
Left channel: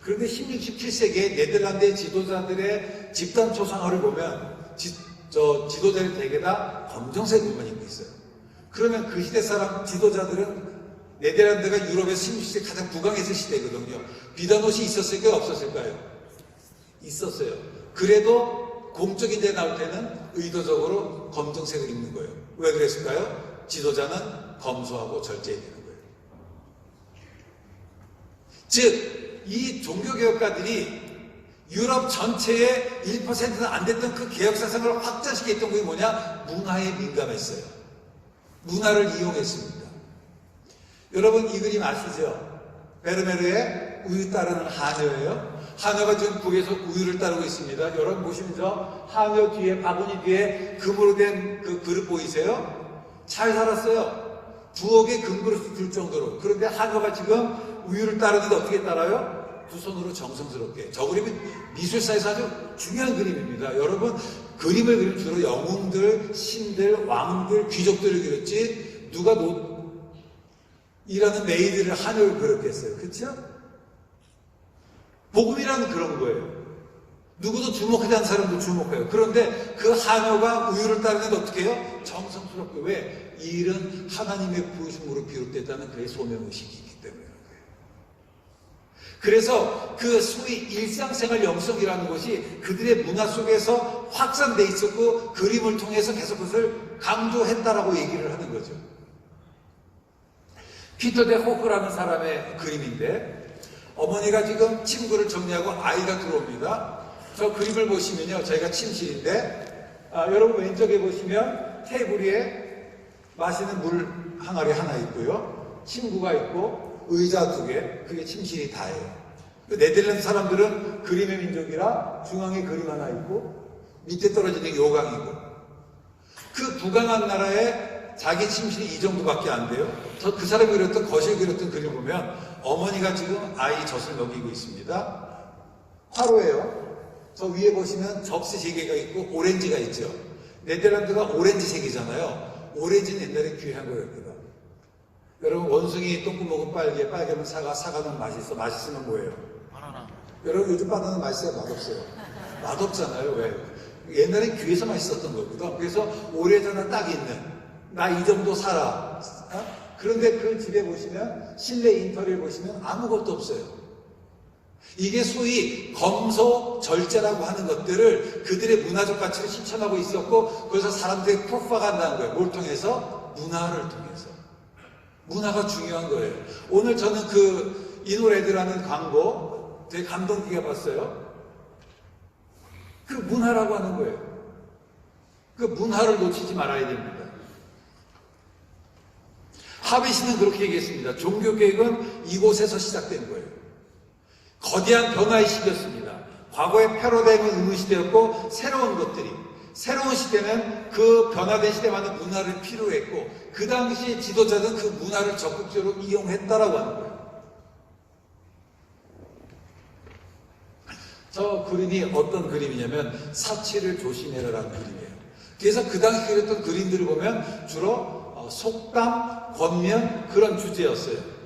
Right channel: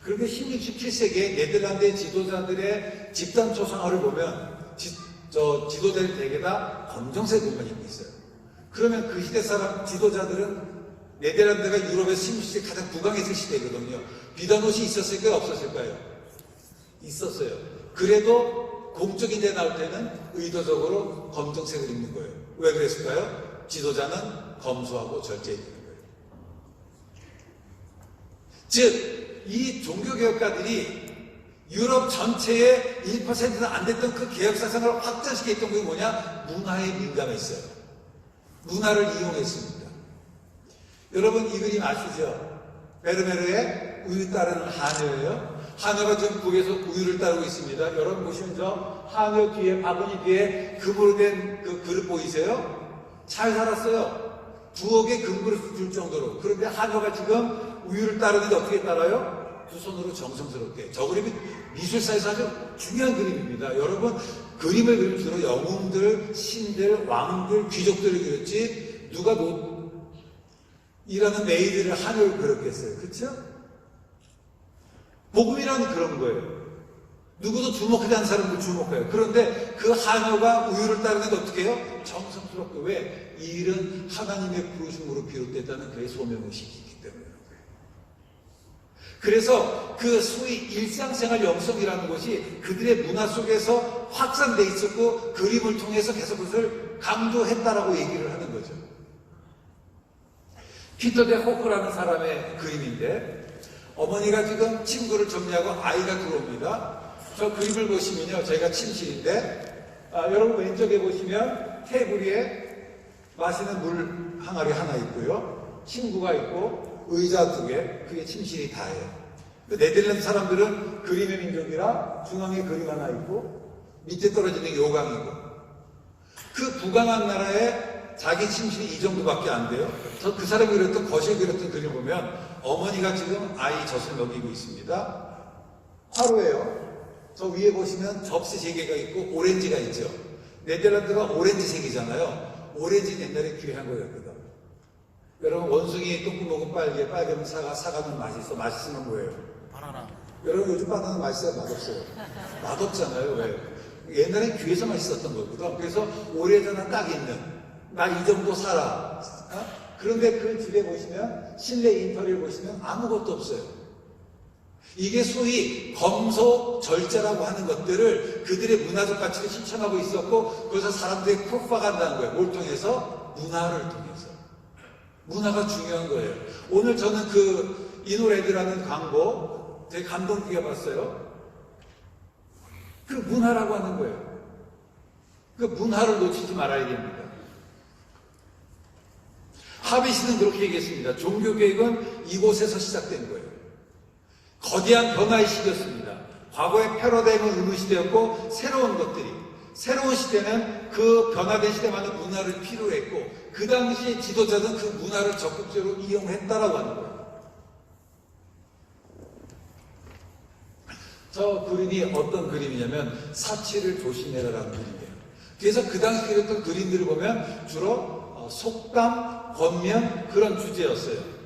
그런데 16, 17세기에 네덜란드의 지도자들의 집단 초상화를 보면 지도자들 대개 다 검정색 옷만 입고 있어요. 그러면 그 시대 사람 지도자들은 네덜란드가 유럽의 식민지 가장 부강했을 시대거든요. 비단 옷이 있었을까요? 없었을까요? 있었어요. 그래도 공적인 데 나올 때는 의도적으로 검정색을 입는 거예요. 왜 그랬을까요? 지도자는 검소하고 절제해야 되는 거예요. 즉, 이 종교개혁가들이 유럽 전체의 1%는 안 됐던 그 개혁사상을 확장시켰던 게 뭐냐? 문화에 민감했어요. 문화를 이용했습니다. 여러분 이 그림 아시죠? 베르메르의 우유 따르는 하녀예요. 하녀가 지금 북에서 우유를 따르고 있습니다. 여러분 보시면 저 하녀 뒤에, 바구니 뒤에 금으로 된 그 그릇 보이세요? 잘 살았어요. 부엌에 금그릇을 줄 정도로. 그런데 하녀가 지금 우유를 따르는데 어떻게 따라요? 두 손으로 정성스럽게. 저 그림은 미술사에서 아주 중요한 그림입니다. 여러분 그림을 그리면 주로 영웅들, 신들, 왕들, 귀족들을 그렸지 누가 일하는 메이드를 하녀를 그렸겠어요. 그렇죠? 복음이라는 그런 거예요. 누구도 주목하지 않는 사람도 주목해요. 그런데 그 하녀가 우유를 따르는데 어떻게 해요? 정성스럽게. 왜? 이 일은 하나님의 부르심으로 비롯됐다는 그의 소명의식이 있기 때문에. 그래서 그 소위 일상생활 영성이라는 것이 그들의 문화 속에서 확산돼 있었고 그림을 통해서 계속 그것을 강조했다라고 얘기를 하는 거죠. 피터 데 호크라는 사람의 그림인데 어머니가 지금 침구를 정리하고 아이가 들어옵니다. 저 그림을 보시면요. 저희가 침실인데 여러분 왼쪽에 보시면 테이블 위에 마시는 물 항아리 하나 있고요. 침구가 있고 의자 두 개, 그게 침실이 다예요. 네덜란드 사람들은 그림의 민족이라 중앙에 그림 하나 있고 밑에 떨어지는 게 요강이고 그 부강한 나라에 자기 침실이 이 정도밖에 안 돼요. 그 사람이 그렸던 거실 그렸던 그림 보면 어머니가 지금 아이 젖을 먹이고 있습니다. 화로예요. 저 위에 보시면 접시 3개가 있고 오렌지가 있죠. 네덜란드가 오렌지색이잖아요. 오렌지는 옛날에 귀한 거였거든. 여러분 원숭이 똥구 먹은 빨개, 빨개면 사과는 맛있어. 맛있으면 뭐예요? 바나나. 여러분 요즘 바나나 맛있어요? 맛없어요? 맛없잖아요. 왜? 옛날에 귀에서 맛있었던 거거든. 그래서 오래전에 딱 있는 나 이 정도 살아. 그런데 그 집에 보시면 실내 인터리어를 보시면 아무것도 없어요. 이게 소위 검소 절제라고 하는 것들을 그들의 문화적 가치를 실천하고 있었고 그래서 사람들이 프로파간다는 거예요. 뭘 통해서? 문화를 통해서. 문화가 중요한 거예요. 오늘 저는 그 이노레드라는 광고 되게 감동 깊게 봤어요. 그 문화라고 하는 거예요. 그 문화를 놓치지 말아야 됩니다. 하비시는 그렇게 얘기했습니다. 종교개혁은 이곳에서 시작된 거예요. 거대한 변화의 시기였습니다. 과거의 패러다임은 의무시대였고 새로운 시대는 그 변화된 시대만의 문화를 필요했고 그 당시 지도자는 그 문화를 적극적으로 이용했다라고 하는 거예요. 저 그림이 어떤 그림이냐면 사치를 조심해라라는 그림이에요. 그래서 그 당시 그렸던 그림들을 보면 주로 속담, 권면 그런 주제였어요.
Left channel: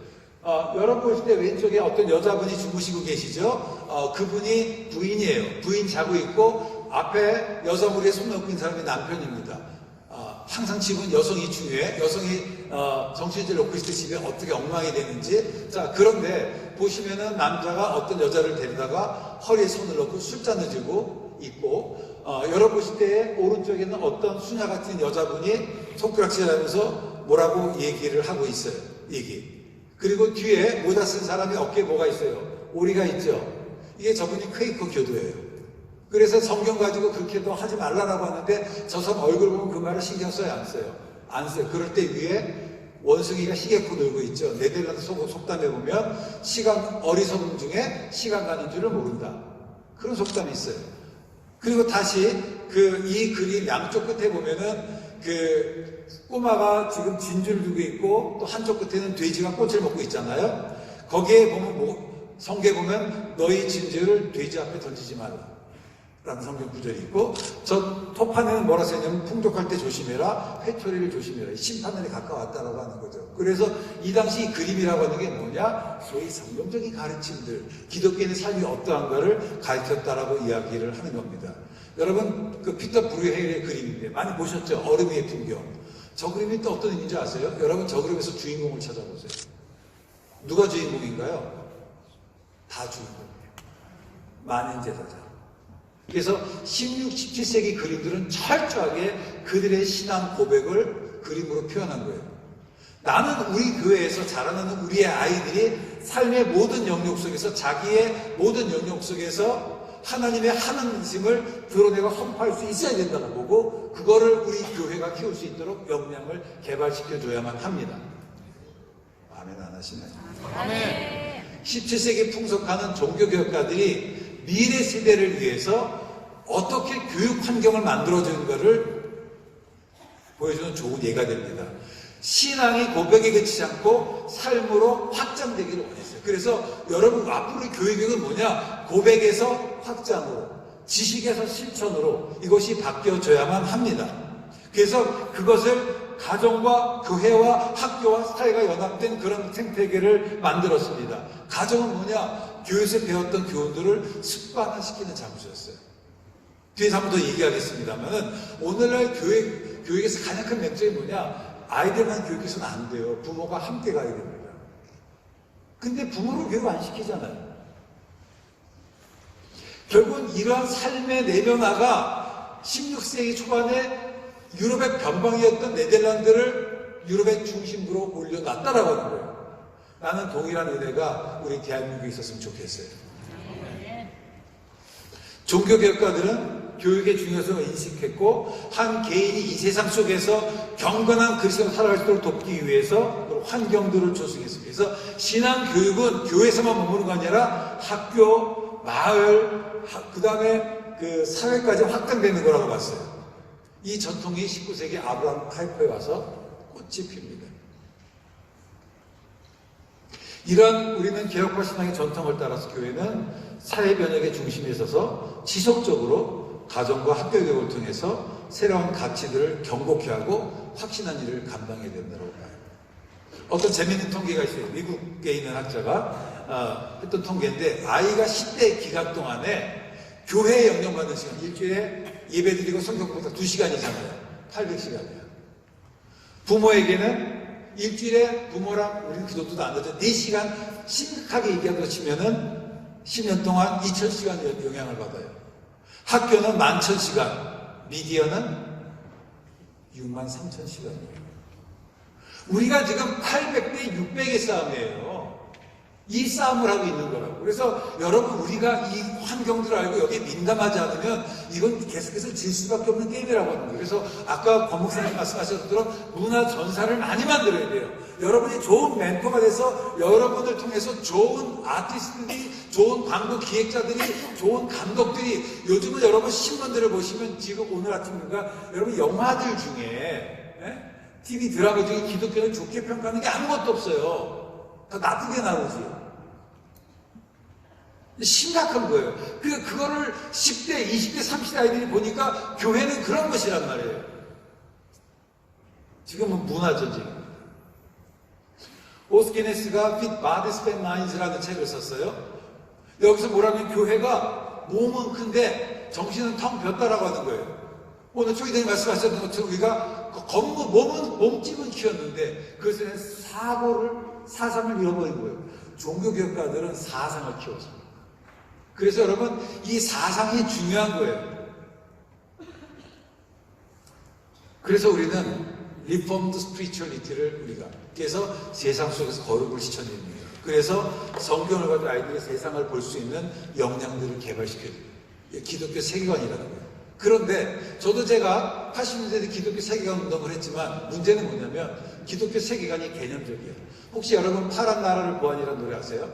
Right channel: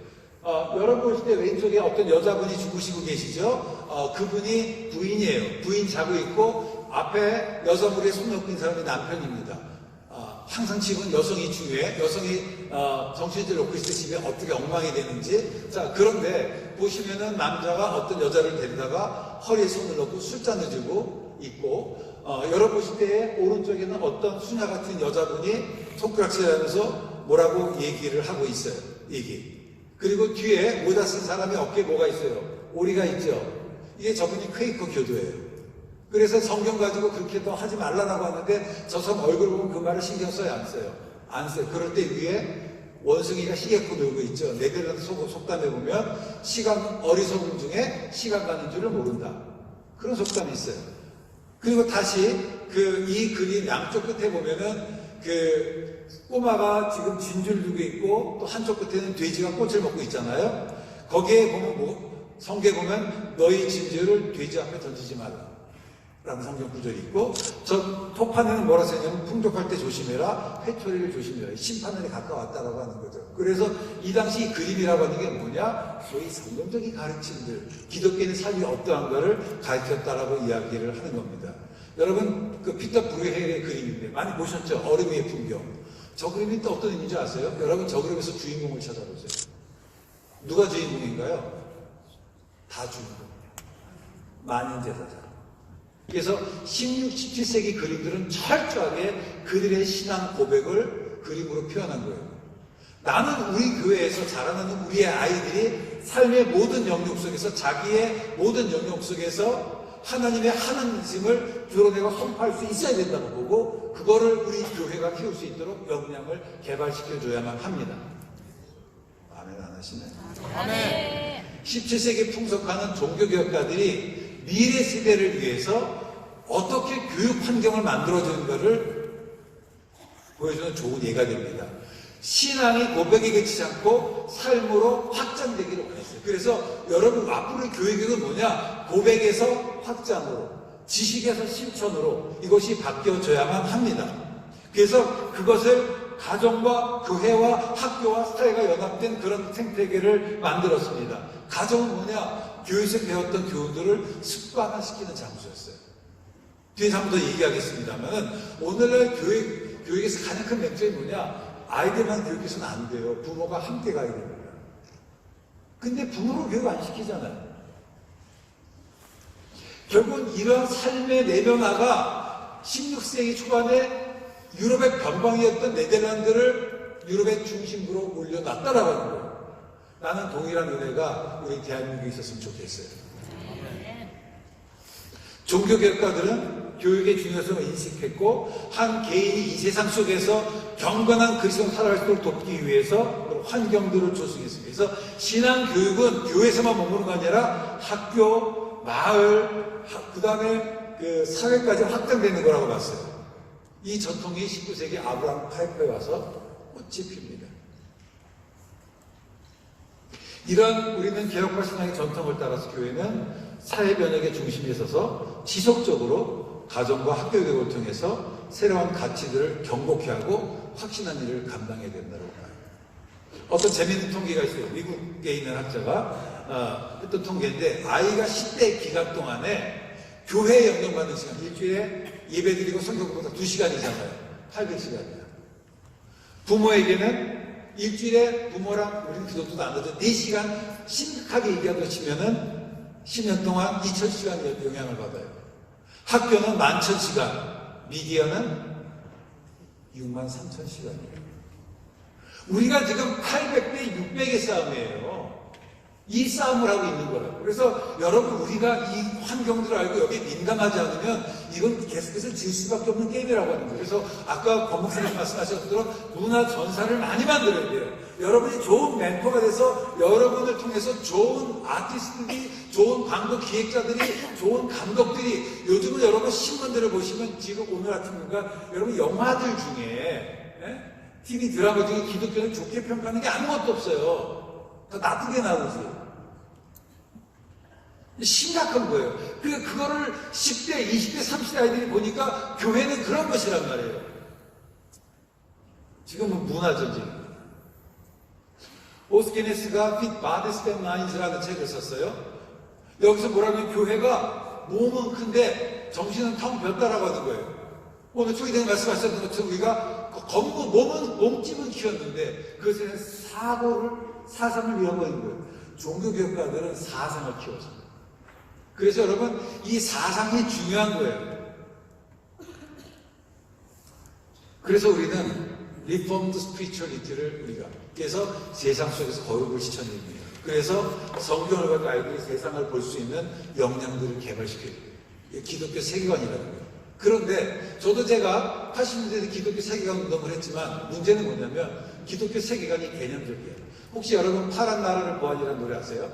여러분 보실 때 왼쪽에 어떤 여자분이 주무시고 계시죠? 그분이 부인이에요. 부인 자고 있고 앞에 여성분의 손 놓고 있는 사람이 남편입니다. 항상 집은 여성이 중요해. 여성이 정신줄을 놓고 있을 때 집에 어떻게 엉망이 되는지. 자, 그런데 보시면은 남자가 어떤 여자를 데리다가 허리에 손을 놓고 술잔을 들고 있고 여러분 보실 때 오른쪽에는 어떤 수녀 같은 여자분이 손가락질하면서 뭐라고 얘기를 하고 있어요. 그리고 뒤에 모자 쓴 사람이 어깨에 뭐가 있어요? 오리가 있죠. 이게 저분이 퀘이커 교도예요. 그래서 성경 가지고 그렇게 또 하지 말라라고 하는데 저 사람 얼굴 보면 그 말을 신경 써요? 안 써요? 안 써요. 그럴 때 위에 원숭이가 시계코 놀고 있죠. 네덜란드 속담에 보면 어리석음 중에 시간 가는 줄을 모른다. 그런 속담이 있어요. 그리고 다시 이 그림 양쪽 끝에 보면은 꼬마가 지금 진주를 두고 있고 또 한쪽 끝에는 돼지가 꽃을 먹고 있잖아요. 거기에 보면 성경에 보면 너희 진주를 돼지 앞에 던지지 마라 라는 성경 구절이 있고 저 토판에는 뭐라 써있냐면 풍족할 때 조심해라, 회초리를 조심해라. 심판날이 가까웠다라고 하는 거죠. 그래서 이 당시 이 그림이라고 하는 게 뭐냐? 소위 성경적인 가르침들, 기독교인의 삶이 어떠한가를 가르쳤다라고 이야기를 하는 겁니다. 여러분 그 피터 브루헤일의 그림인데 많이 보셨죠? 얼음 위의 풍경. 저 그림이 또 어떤 의미인지 아세요? 여러분 저 그림에서 주인공을 찾아보세요. 누가 주인공인가요? 다 주인공이에요. 만인제사장. 그래서 16, 17세기 그림들은 철저하게 그들의 신앙 고백을 그림으로 표현한 거예요. 나는 우리 교회에서 자라나는 우리의 아이들이 삶의 모든 영역 속에서 자기의 모든 영역 속에서 하나님의 하나님심을 드러내고 선포할 수 있어야 된다고 보고 그거를 우리 교회가 키울 수 있도록 역량을 개발시켜줘야만 합니다. 아멘 안 하시나요? 아멘. 17세기 풍속하는 종교개혁가들이 미래 세대를 위해서 어떻게 교육 환경을 만들어주는가를 보여주는 좋은 예가 됩니다. 신앙이 고백에 그치지 않고 삶으로 확장되기를 원했어요. 그래서 여러분 앞으로의 교육은 뭐냐? 고백에서 확장으로, 지식에서 실천으로 이것이 바뀌어져야만 합니다. 그래서 그것을 가정과 교회와 학교와 사회가 연합된 그런 생태계를 만들었습니다. 가정은 뭐냐? 교회에서 배웠던 교훈들을 습관화시키는 장소였어요. 뒤에서 한 번 더 얘기하겠습니다만 오늘날 교육에서 가장 큰 맹점이 뭐냐? 아이들만 교육해서는 안 돼요. 부모가 함께 가야 됩니다. 근데 부모를 교육 안 시키잖아요. 결국은 이러한 삶의 내변화가 16세기 초반에 유럽의 변방이었던 네덜란드를 유럽의 중심부로 올려놨다라고 하는 거예요. 나는 동일한 은혜가 우리 대한민국에 있었으면 좋겠어요. 종교개혁가들은 교육의 중요성을 인식했고 한 개인이 이 세상 속에서 경건한 그리스도를 살아갈 수 있도록 돕기 위해서 환경들을 조성했습니다. 그래서 신앙교육은 교회에서만 머무는 거 아니라 학교, 마을, 그 다음에 그 사회까지 확장되는 거라고 봤어요. 이 전통이 19세기 아브라함 파이프에 와서 꽃이 핍니다. 이러한 우리는 개혁과 신앙의 전통을 따라서 교회는 사회 변혁의 중심에 서서 지속적으로 가정과 학교 교육을 통해서 새로운 가치들을 경고케 하고 확신한 일을 감당해야 된다고 봐요. 어떤 재미있는 통계가 있어요. 미국에 있는 학자가 했던 통계인데 아이가 10대 기간 동안에 교회에 영향받는 시간 일주일에 예배드리고 성경보다 2시간이잖아요. 800시간이에요. 부모에게는 일주일에 부모랑 우리는 기도도 안 하죠. 4시간 심각하게 얘기한다고 치면은 10년 동안 2000시간 영향을 받아요. 학교는 11,000시간, 미디어는 63,000시간이에요. 우리가 지금 800대 600의 싸움이에요. 이 싸움을 하고 있는 거라고. 그래서 여러분 우리가 이 환경들을 알고 여기에 민감하지 않으면 이건 계속해서 질 수밖에 없는 게임이라고 하는 거예요. 그래서 아까 권 목사님 말씀하셨도록 문화 전사를 많이 만들어야 돼요. 여러분이 좋은 멘토가 돼서 여러분을 통해서 좋은 아티스트들이, 좋은 광고 기획자들이, 좋은 감독들이 요즘은 여러분 신문들을 보시면 지금 오늘 아침인가 여러분 영화들 중에 TV 드라마 중에 기독교를 좋게 평가하는 게 아무것도 없어요. 다 나쁘게 나오지. 심각한 거예요. 그거를 10대, 20대, 30대 아이들이 보니까 교회는 그런 것이란 말이에요. 지금은 문화 전쟁입니다. 오스케네스가 Fit Bodies and Minds라는 책을 썼어요. 여기서 뭐라면 교회가 몸은 큰데 정신은 텅 비었다라고 하는 거예요. 오늘 주기자님 말씀하셨던 것처럼 우리가 몸은 몸집은 키웠는데 그것에 사상을 잃어버린 거예요. 종교교육가들은 사상을 키워서. 그래서 여러분 이 사상이 중요한 거예요. 그래서 우리는 리폼드 스피리추얼리티를 우리가 그래서 세상 속에서 거룩을 실천합니다. 그래서 성경을 가지고 아이들이 세상을 볼 수 있는 역량들을 개발시켜야 돼요. 기독교 세계관이라는 거예요. 그런데 저도 제가 80년대에 기독교 세계관 운동을 했지만 문제는 뭐냐면 기독교 세계관이 개념적이에요. 혹시 여러분 파란 나라를 보안이라는 노래 아세요?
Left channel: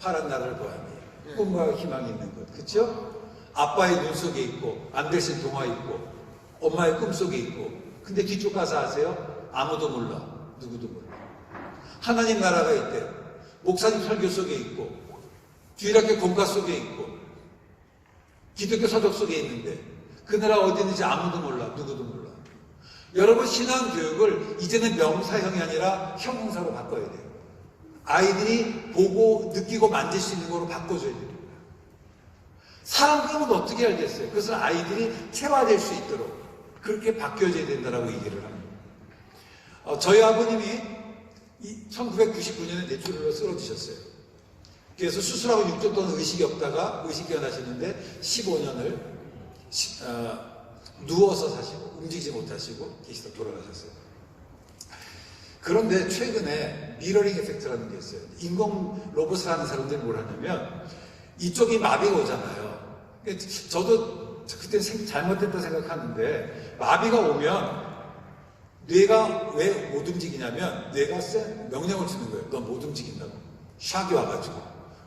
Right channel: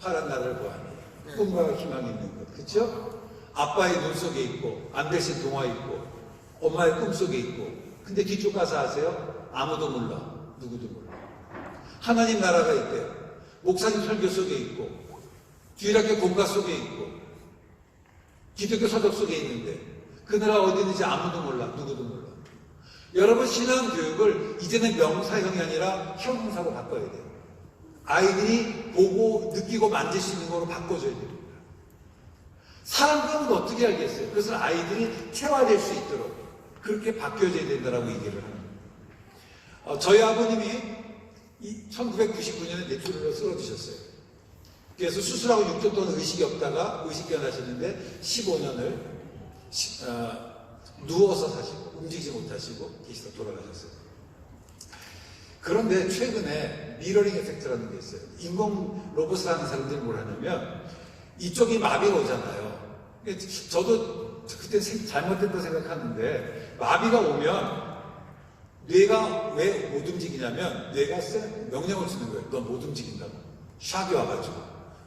파란 나라를 보안. 꿈과 희망이 있는 것. 그렇죠? 아빠의 눈 속에 있고 안델센 동화 있고 엄마의 꿈 속에 있고 근데 뒤쪽 가서 아세요? 아무도 몰라. 누구도 몰라. 하나님 나라가 있대. 목사님 설교 속에 있고 주일학교 본가 속에 있고 기독교 서적 속에 있는데 그 나라 어디 있는지 아무도 몰라. 누구도 몰라. 여러분 신앙교육을 이제는 명사형이 아니라 형용사로 바꿔야 돼요. 아이들이 보고 느끼고 만질 수 있는 거로 바꿔줘야 됩니다. 사람들은 어떻게 알겠어요? 그래서 아이들이 체화될 수 있도록 그렇게 바뀌어져야 된다라고 얘기를 합니다. 저희 아버님이 1999년에 뇌출혈로 쓰러지셨어요. 그래서 수술하고 6주 동안 의식이 없다가 의식 변하셨는데 15년을 누워서 사시고 움직이지 못하시고 계시다 돌아가셨어요. 그런데 최근에 미러링 에펙트라는 게 있어요. 인공 로봇을 하는 사람들이 뭘 하냐면 이쪽이 마비가 오잖아요. 저도 그때 잘못됐다고 생각하는데 마비가 오면 뇌가 왜 못 움직이냐면 뇌가 명령을 주는 거예요. 넌 못 움직인다고. 샥이 와가지고.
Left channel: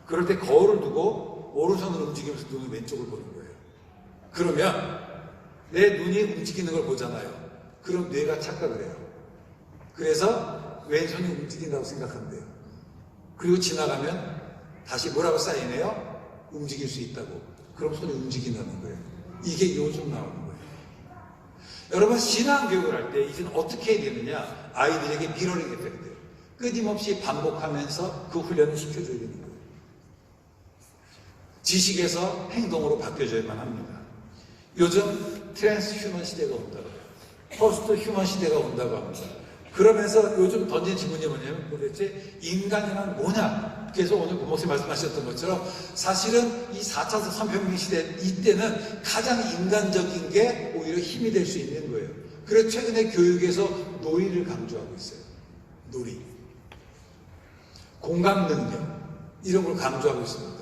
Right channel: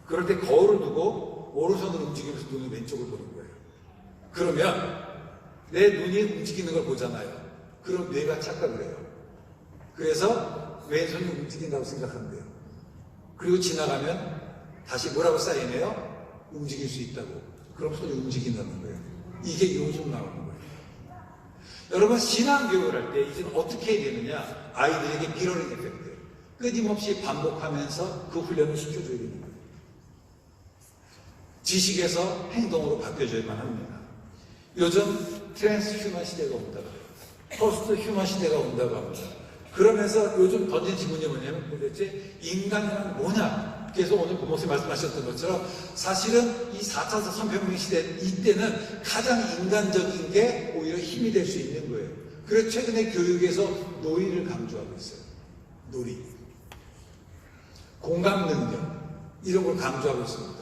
그럴 때 거울을 두고 오른손으로 움직이면서 눈이 왼쪽을 보는 거예요. 그러면 내 눈이 움직이는 걸 보잖아요. 그럼 뇌가 착각을 해요. 그래서 왼손이 움직인다고 생각한대요. 그리고 지나가면 다시 뭐라고 사인해요? 움직일 수 있다고. 그럼 손이 움직인다는 거예요. 이게 요즘 나오는 거예요. 여러분 신앙교육을 할 때 이제 어떻게 해야 되느냐? 아이들에게 미러링 에펙트 끊임없이 반복하면서 그 훈련을 시켜줘야 되는 거예요. 지식에서 행동으로 바뀌어져야만 합니다. 요즘 트랜스 휴먼 시대가 온다고 해요. 포스트 휴먼 시대가 온다고 합니다. 그러면서 요즘 던진 질문이 뭐냐면 도대체 인간이란 뭐냐? 그래서 오늘 부모님 말씀하셨던 것처럼 사실은 이 4차 산업혁명 시대 이때는 가장 인간적인 게 오히려 힘이 될 수 있는 거예요. 그래서 최근에 교육에서 놀이를 강조하고 있어요. 놀이. 공감 능력. 이런 걸 강조하고 있습니다.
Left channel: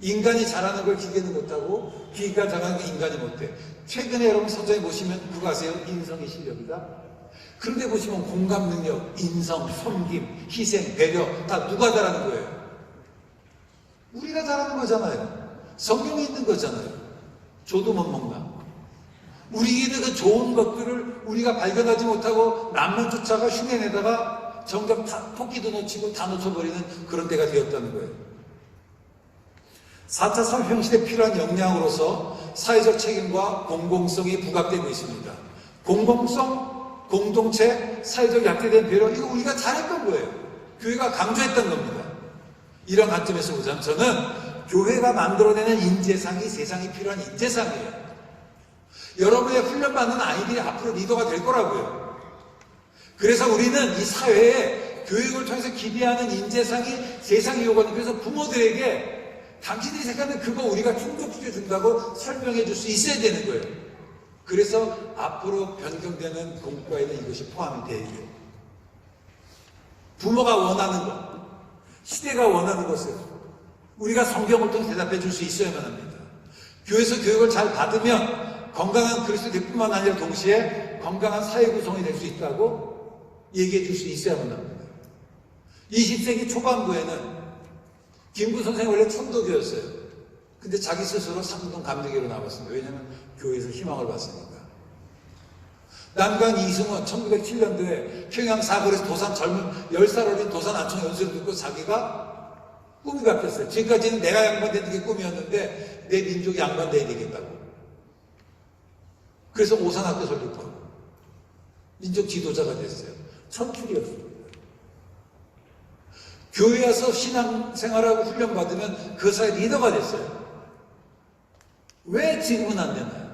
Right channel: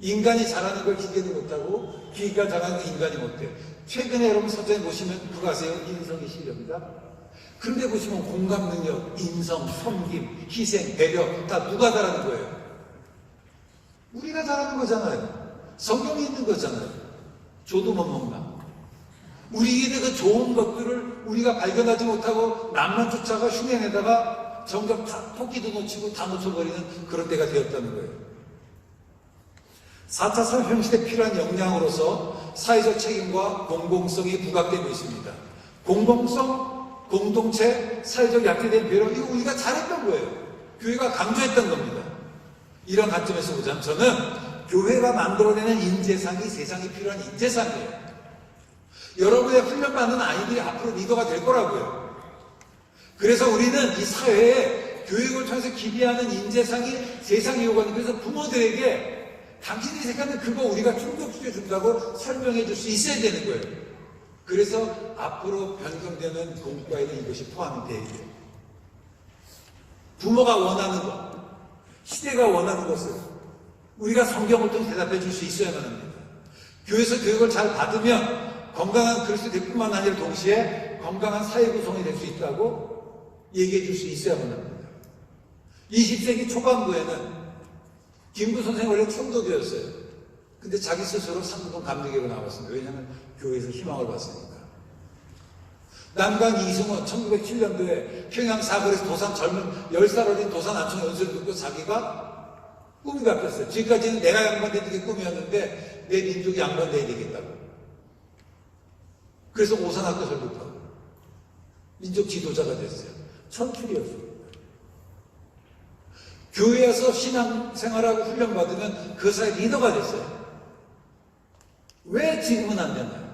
인간이 잘하는 걸 기계는 못하고 기계가 잘하는 걸 인간이 못해. 최근에 여러분 서점에 보시면 누가 아세요? 인성의 실력이다. 그런데 보시면 공감 능력, 인성, 섬김, 희생, 배려 다 누가 잘하는 거예요? 우리가 잘하는 거잖아요. 성경에 있는 거잖아요. 줘도 못 먹나? 우리에게 그 좋은 것들을 우리가 발견하지 못하고 남만 쫓아가 흉내내다가 정작 토끼도 놓치고 다 놓쳐버리는 그런 때가 되었다는 거예요. 4차 산업혁명 시대에 필요한 역량으로서 사회적 책임과 공공성이 부각되고 있습니다. 공공성, 공동체, 사회적 약자된 배려, 이거 우리가 잘했던 거예요. 교회가 강조했던 겁니다. 이런 관점에서 보자면 저는 교회가 만들어내는 인재상이 세상에 필요한 인재상이에요. 여러분의 훈련받는 아이들이 앞으로 리더가 될 거라고요. 그래서 우리는 이 사회에 교육을 통해서 기대하는 인재상이 세상에 요구하는, 그래서 부모들에게 당신이 생각하는 그거 우리가 충족시켜준다고 설명해 줄 수 있어야 되는 거예요. 그래서 앞으로 변경되는 공과에는 이것이 포함이 되어 있어요. 부모가 원하는 것, 시대가 원하는 것을 우리가 성경을 통해 대답해 줄 수 있어야만 합니다. 교회에서 교육을 잘 받으면 건강한 그리스도인뿐만 아니라 동시에 건강한 사회 구성이 될 수 있다고 얘기해 줄 수 있어야만 합니다. 20세기 초반부에는 김구 선생은 원래 총독이었어요. 근데 자기 스스로 상동 감독으로 나갔습니다. 왜냐하면 교회에서 희망을 봤으니까. 남강 이승원 1907년도에 평양 사거리에서 도산 젊은 10살 어린 도산 안청 연수를 듣고 자기가 꿈이 바뀌었어요. 지금까지는 내가 양반되는 게 꿈이었는데 내 민족이 양반돼야 되겠다고. 그래서 오산학교 설립하고 민족 지도자가 됐어요. 천출이었습니다. 교회에서 신앙생활하고 훈련받으면 그 사회 리더가 됐어요. 왜 지금은 안 되나요?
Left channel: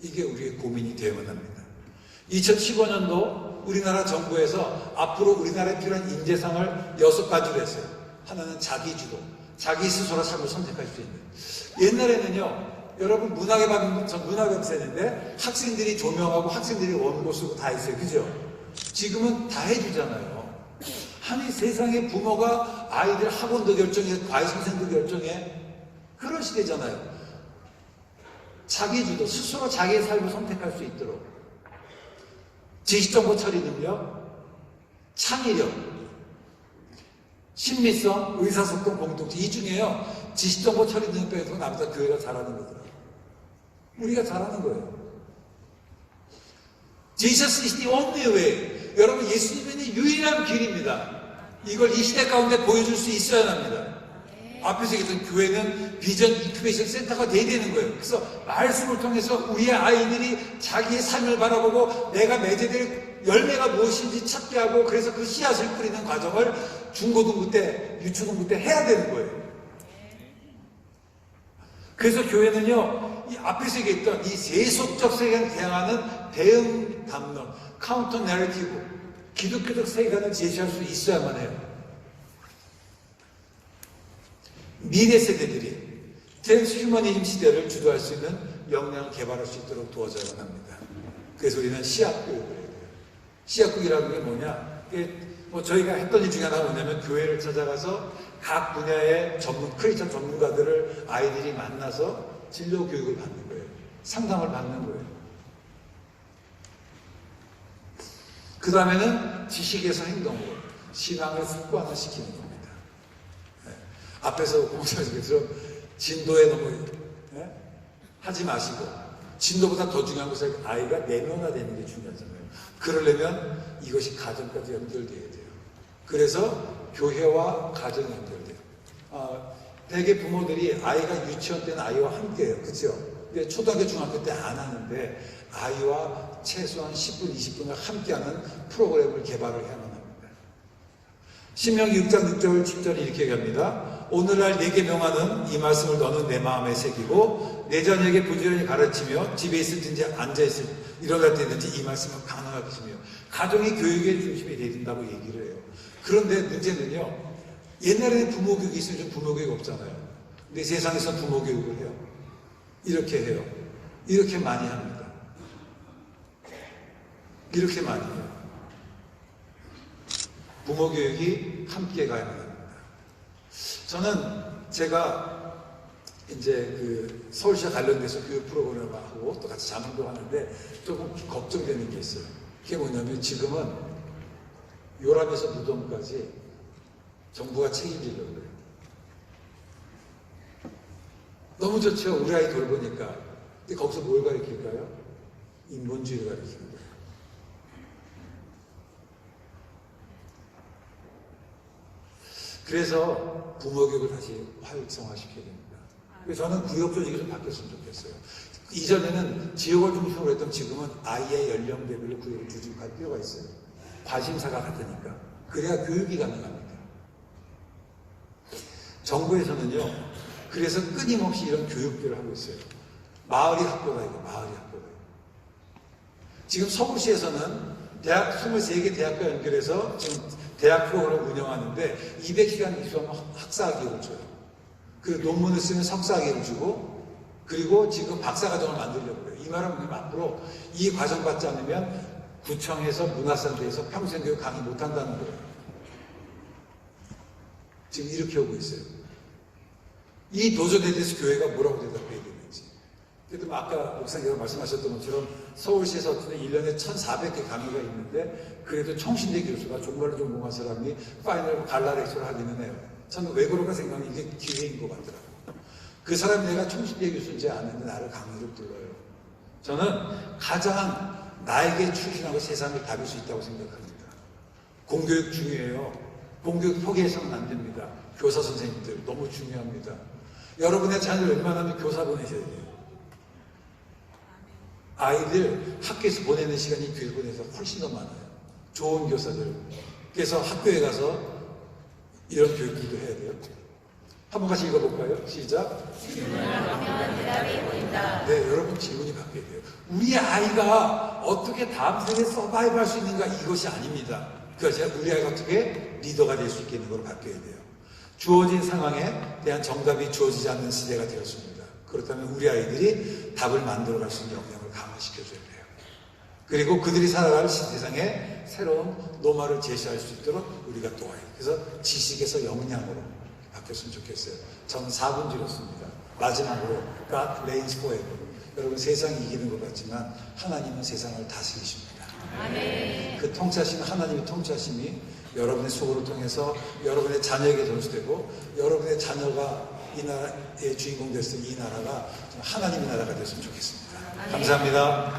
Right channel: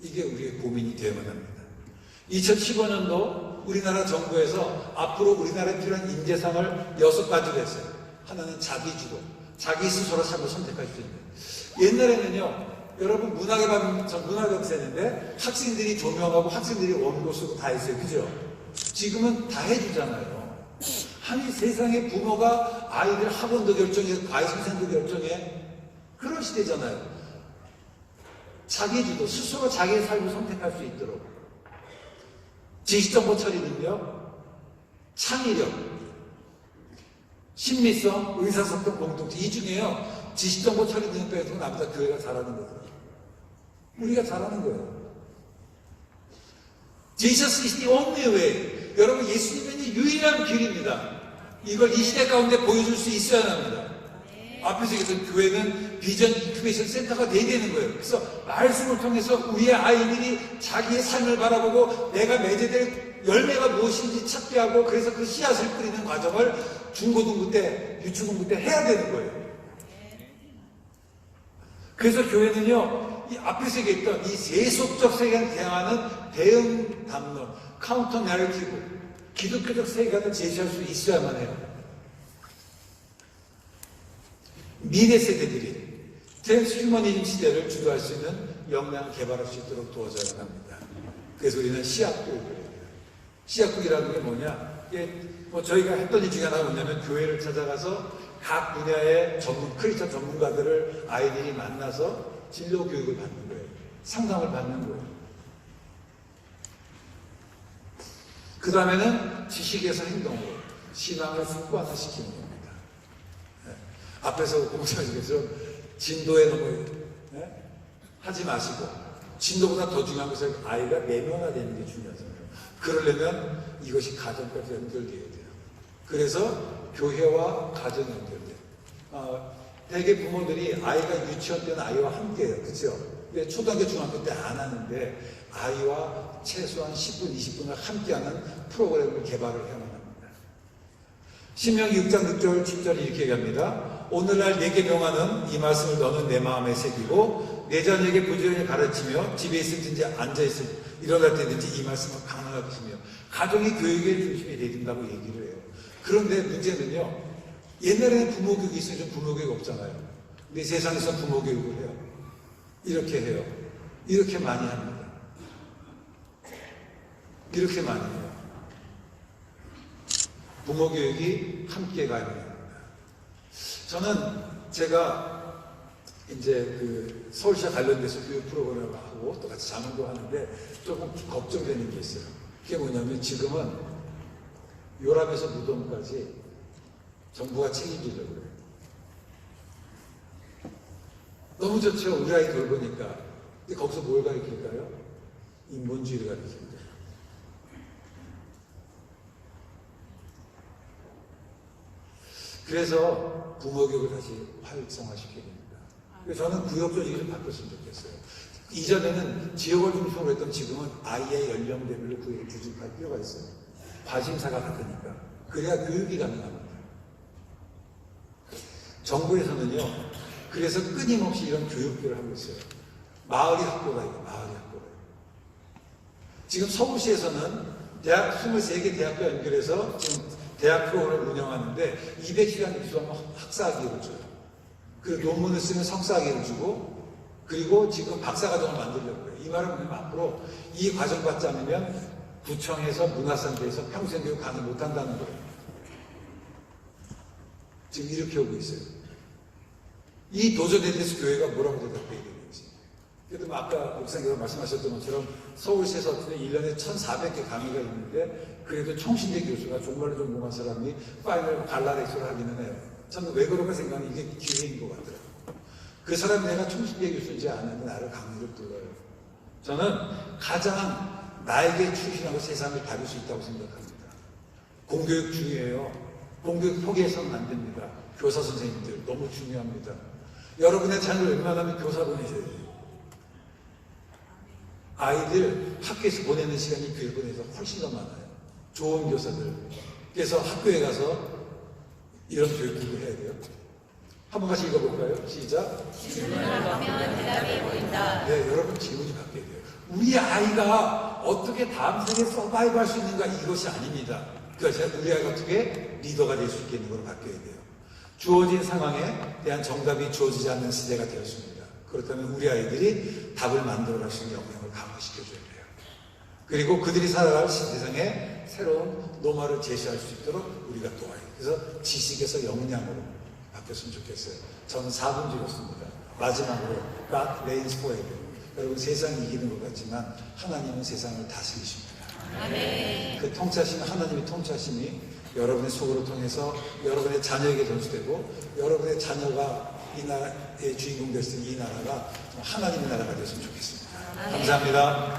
이게 우리의 고민이 되어야만 합니다. 2015년도 우리나라 정부에서 앞으로 우리나라에 필요한 인재상을 6가지로 했어요. 하나는 자기주도, 자기 스스로 삶을 선택할 수 있는. 옛날에는요, 여러분 문화감사인데 학생들이 조명하고 학생들이 원고 쓰고 다 했어요. 그죠? 지금은 다 해주잖아요. 아니 세상에 부모가 아이들 학원도 결정해, 과외선생도 결정해. 그런 시대잖아요. 자기주도, 스스로 자기의 삶을 선택할 수 있도록. 지식정보 처리 능력, 창의력, 심리성, 의사소통, 공동체. 이 중에요, 지식정보 처리 능력 빼서 남자 교회가 잘하는 거더라고요. 우리가 잘하는 거예요. Jesus is the only way. 여러분, 예수님이 유일한 길입니다. 이걸 이 시대 가운데 보여줄 수 있어야 합니다. 앞에서 얘기했던 교회는 비전 인큐베이션 센터가 돼야 되는 거예요. 그래서 말씀을 통해서 우리의 아이들이 자기의 삶을 바라보고 내가 맺어야 될 열매가 무엇인지 찾게 하고, 그래서 그 씨앗을 뿌리는 과정을 중고등부 때, 유초등부 때 해야 되는 거예요. 그래서 교회는요, 이 앞에서 얘기했던 이 세속적 세계에 대응하는 대응 담론, 카운터 내러티브, 기독교적 세계관을 제시할 수 있어야만 해요. 미래 세대들이 트랜스휴머니즘 시대를 주도할 수 있는 역량을 개발할 수 있도록 도와줘야 합니다. 그래서 우리는 시학교육을 해야 돼요. 시학교육이라는 게 뭐냐? 이게 뭐 저희가 했던 일 중에 하나가 뭐냐면 교회를 찾아가서 각 분야의 크리스천 전문가들을 아이들이 만나서 진로 교육을 받는 거예요. 상담을 받는 거예요. 그 다음에는 지식에서 행동으로 신앙을 습관화시키는 겁니다. 앞에서 공부하시겠죠? 진도에 너무 하지 마시고 진도보다 더 중요한 것은 아이가 내면화되는 게 중요하잖아요. 그러려면 이것이 가정까지 연결돼야 돼요. 그래서 교회와 가정이 연결돼요. 대개 부모들이 아이가 유치원 때는 아이와 함께해요. 그렇죠? 초등학교, 중학교 때 안 하는데 아이와 최소한 10분, 20분을 함께하는 프로그램을 개발을 해야만 합니다. 신명기 6장 6절 7절이 이렇게 얘기합니다. 오늘날 내게 명하는 이 말씀을 너는 내 마음에 새기고 내 자녀에게 부지런히 가르치며 집에 있을든지 앉아있을 일어날 때든지 이 말씀을 강하게 하시며 가정이 교육의 중심이 되야 된다고 얘기를 해요. 그런데 문제는요. 옛날에는 부모 교육이 있어요. 요즘 부모 교육 없잖아요. 근데 세상에서 부모 교육을 해요. 이렇게 해요. 이렇게 많이 합니다. 이렇게 많이 해요. 부모 교육이 함께 가야 합니다. 저는 제가 이제 그 서울시와 관련돼서 교육 프로그램을 하고 또 같이 자문도 하는데 조금 걱정되는 게 있어요. 그게 뭐냐면 지금은 요람에서 무덤까지 정부가 책임지려고 해요. 너무 좋죠. 우리 아이 돌보니까. 근데 거기서 뭘 가르칠까요? 인본주의를 가르치는 거예요. 그래서 부모교육을 다시 활성화시켜야 됩니다. 그래서 저는 구역조직이 좀 바뀌었으면 좋겠어요. 이전에는 지역을 중심으로 했던 지금은 아이의 연령대별로 구역을 조직할 필요가 있어요. 과심사가 같으니까. 그래야 교육이 가능합니다. 정부에서는요, 그래서 끊임없이 이런 교육들을 하고 있어요. 마을이 학교가 있고, 마을이 학교가 있고. 지금 서울시에서는 대학 23개 대학과 연결해서 지금 대학 프로그램을 운영하는데 200시간 이상 학사학위를 줘요. 그 논문을 쓰면 석사학위를 주고 그리고 지금 박사과정을 만들려고 해요. 이 말은 뭐냐면 앞으로 이 과정 받지 않으면 구청에서 문화센터에서 평생교육 강의 못한다는 거예요. 지금 이렇게 오고 있어요. 이 도전에 대해서 교회가 뭐라고 대답해야 되는지. 그래도 아까 목사님께서 말씀하셨던 것처럼 서울시에서 1년에 1,400개 강의가 있는데 그래도 총신대 교수가 정말로 전공한 사람이 파이널 갈라렉처를 하기는 해요. 저는 왜 그런가 생각하면 이게 기회인 것 같더라고요. 그 사람 내가 총신대 교수인지 아는데 나를 강의를 들어요. 저는 가장 나에게 충실하고 세상을 다룰 수 있다고 생각합니다. 공교육 중요해요. 공교육 포기해서는 안 됩니다. 교사 선생님들 너무 중요합니다. 여러분의 자녀를 웬만하면 교사 보내셔야 돼요. 아이들 학교에서 보내는 시간이 교육원에서 훨씬 더 많아요. 좋은 교사들. 그래서 학교에 가서 이런 교육들도 해야 돼요. 한번 같이 읽어볼까요? 시작. 질문을 하면 대답이 보인다. 네, 여러분 질문이 바뀌어야 돼요. 우리 아이가 어떻게 다음 생에 서바이브 할 수 있는가 이것이 아닙니다. 그러니까 우리 아이가 어떻게 리더가 될 수 있겠는 걸 바뀌어야 돼요. 주어진 상황에 대한 정답이 주어지지 않는 시대가 되었습니다. 그렇다면 우리 아이들이 답을 만들어갈 수 있는 역량을 강화시켜줘야 돼요. 그리고 그들이 살아갈 세상에 새로운 노마를 제시할 수 있도록 우리가 도와요. 그래서 지식에서 역량으로 바뀌었으면 좋겠어요. 저는 4분 드렸습니다. 마지막으로 God reigns forever. 여러분 세상이 이기는 것 같지만 하나님은 세상을 다스리십니다. 아멘. 그 통치하신 하나님의 통치하심이 여러분의 속으로 통해서 여러분의 자녀에게 전수되고 여러분의 자녀가 이 나라의 주인공 됐을 때 이 나라가 하나님의 나라가 되었으면 좋겠습니다. 감사합니다.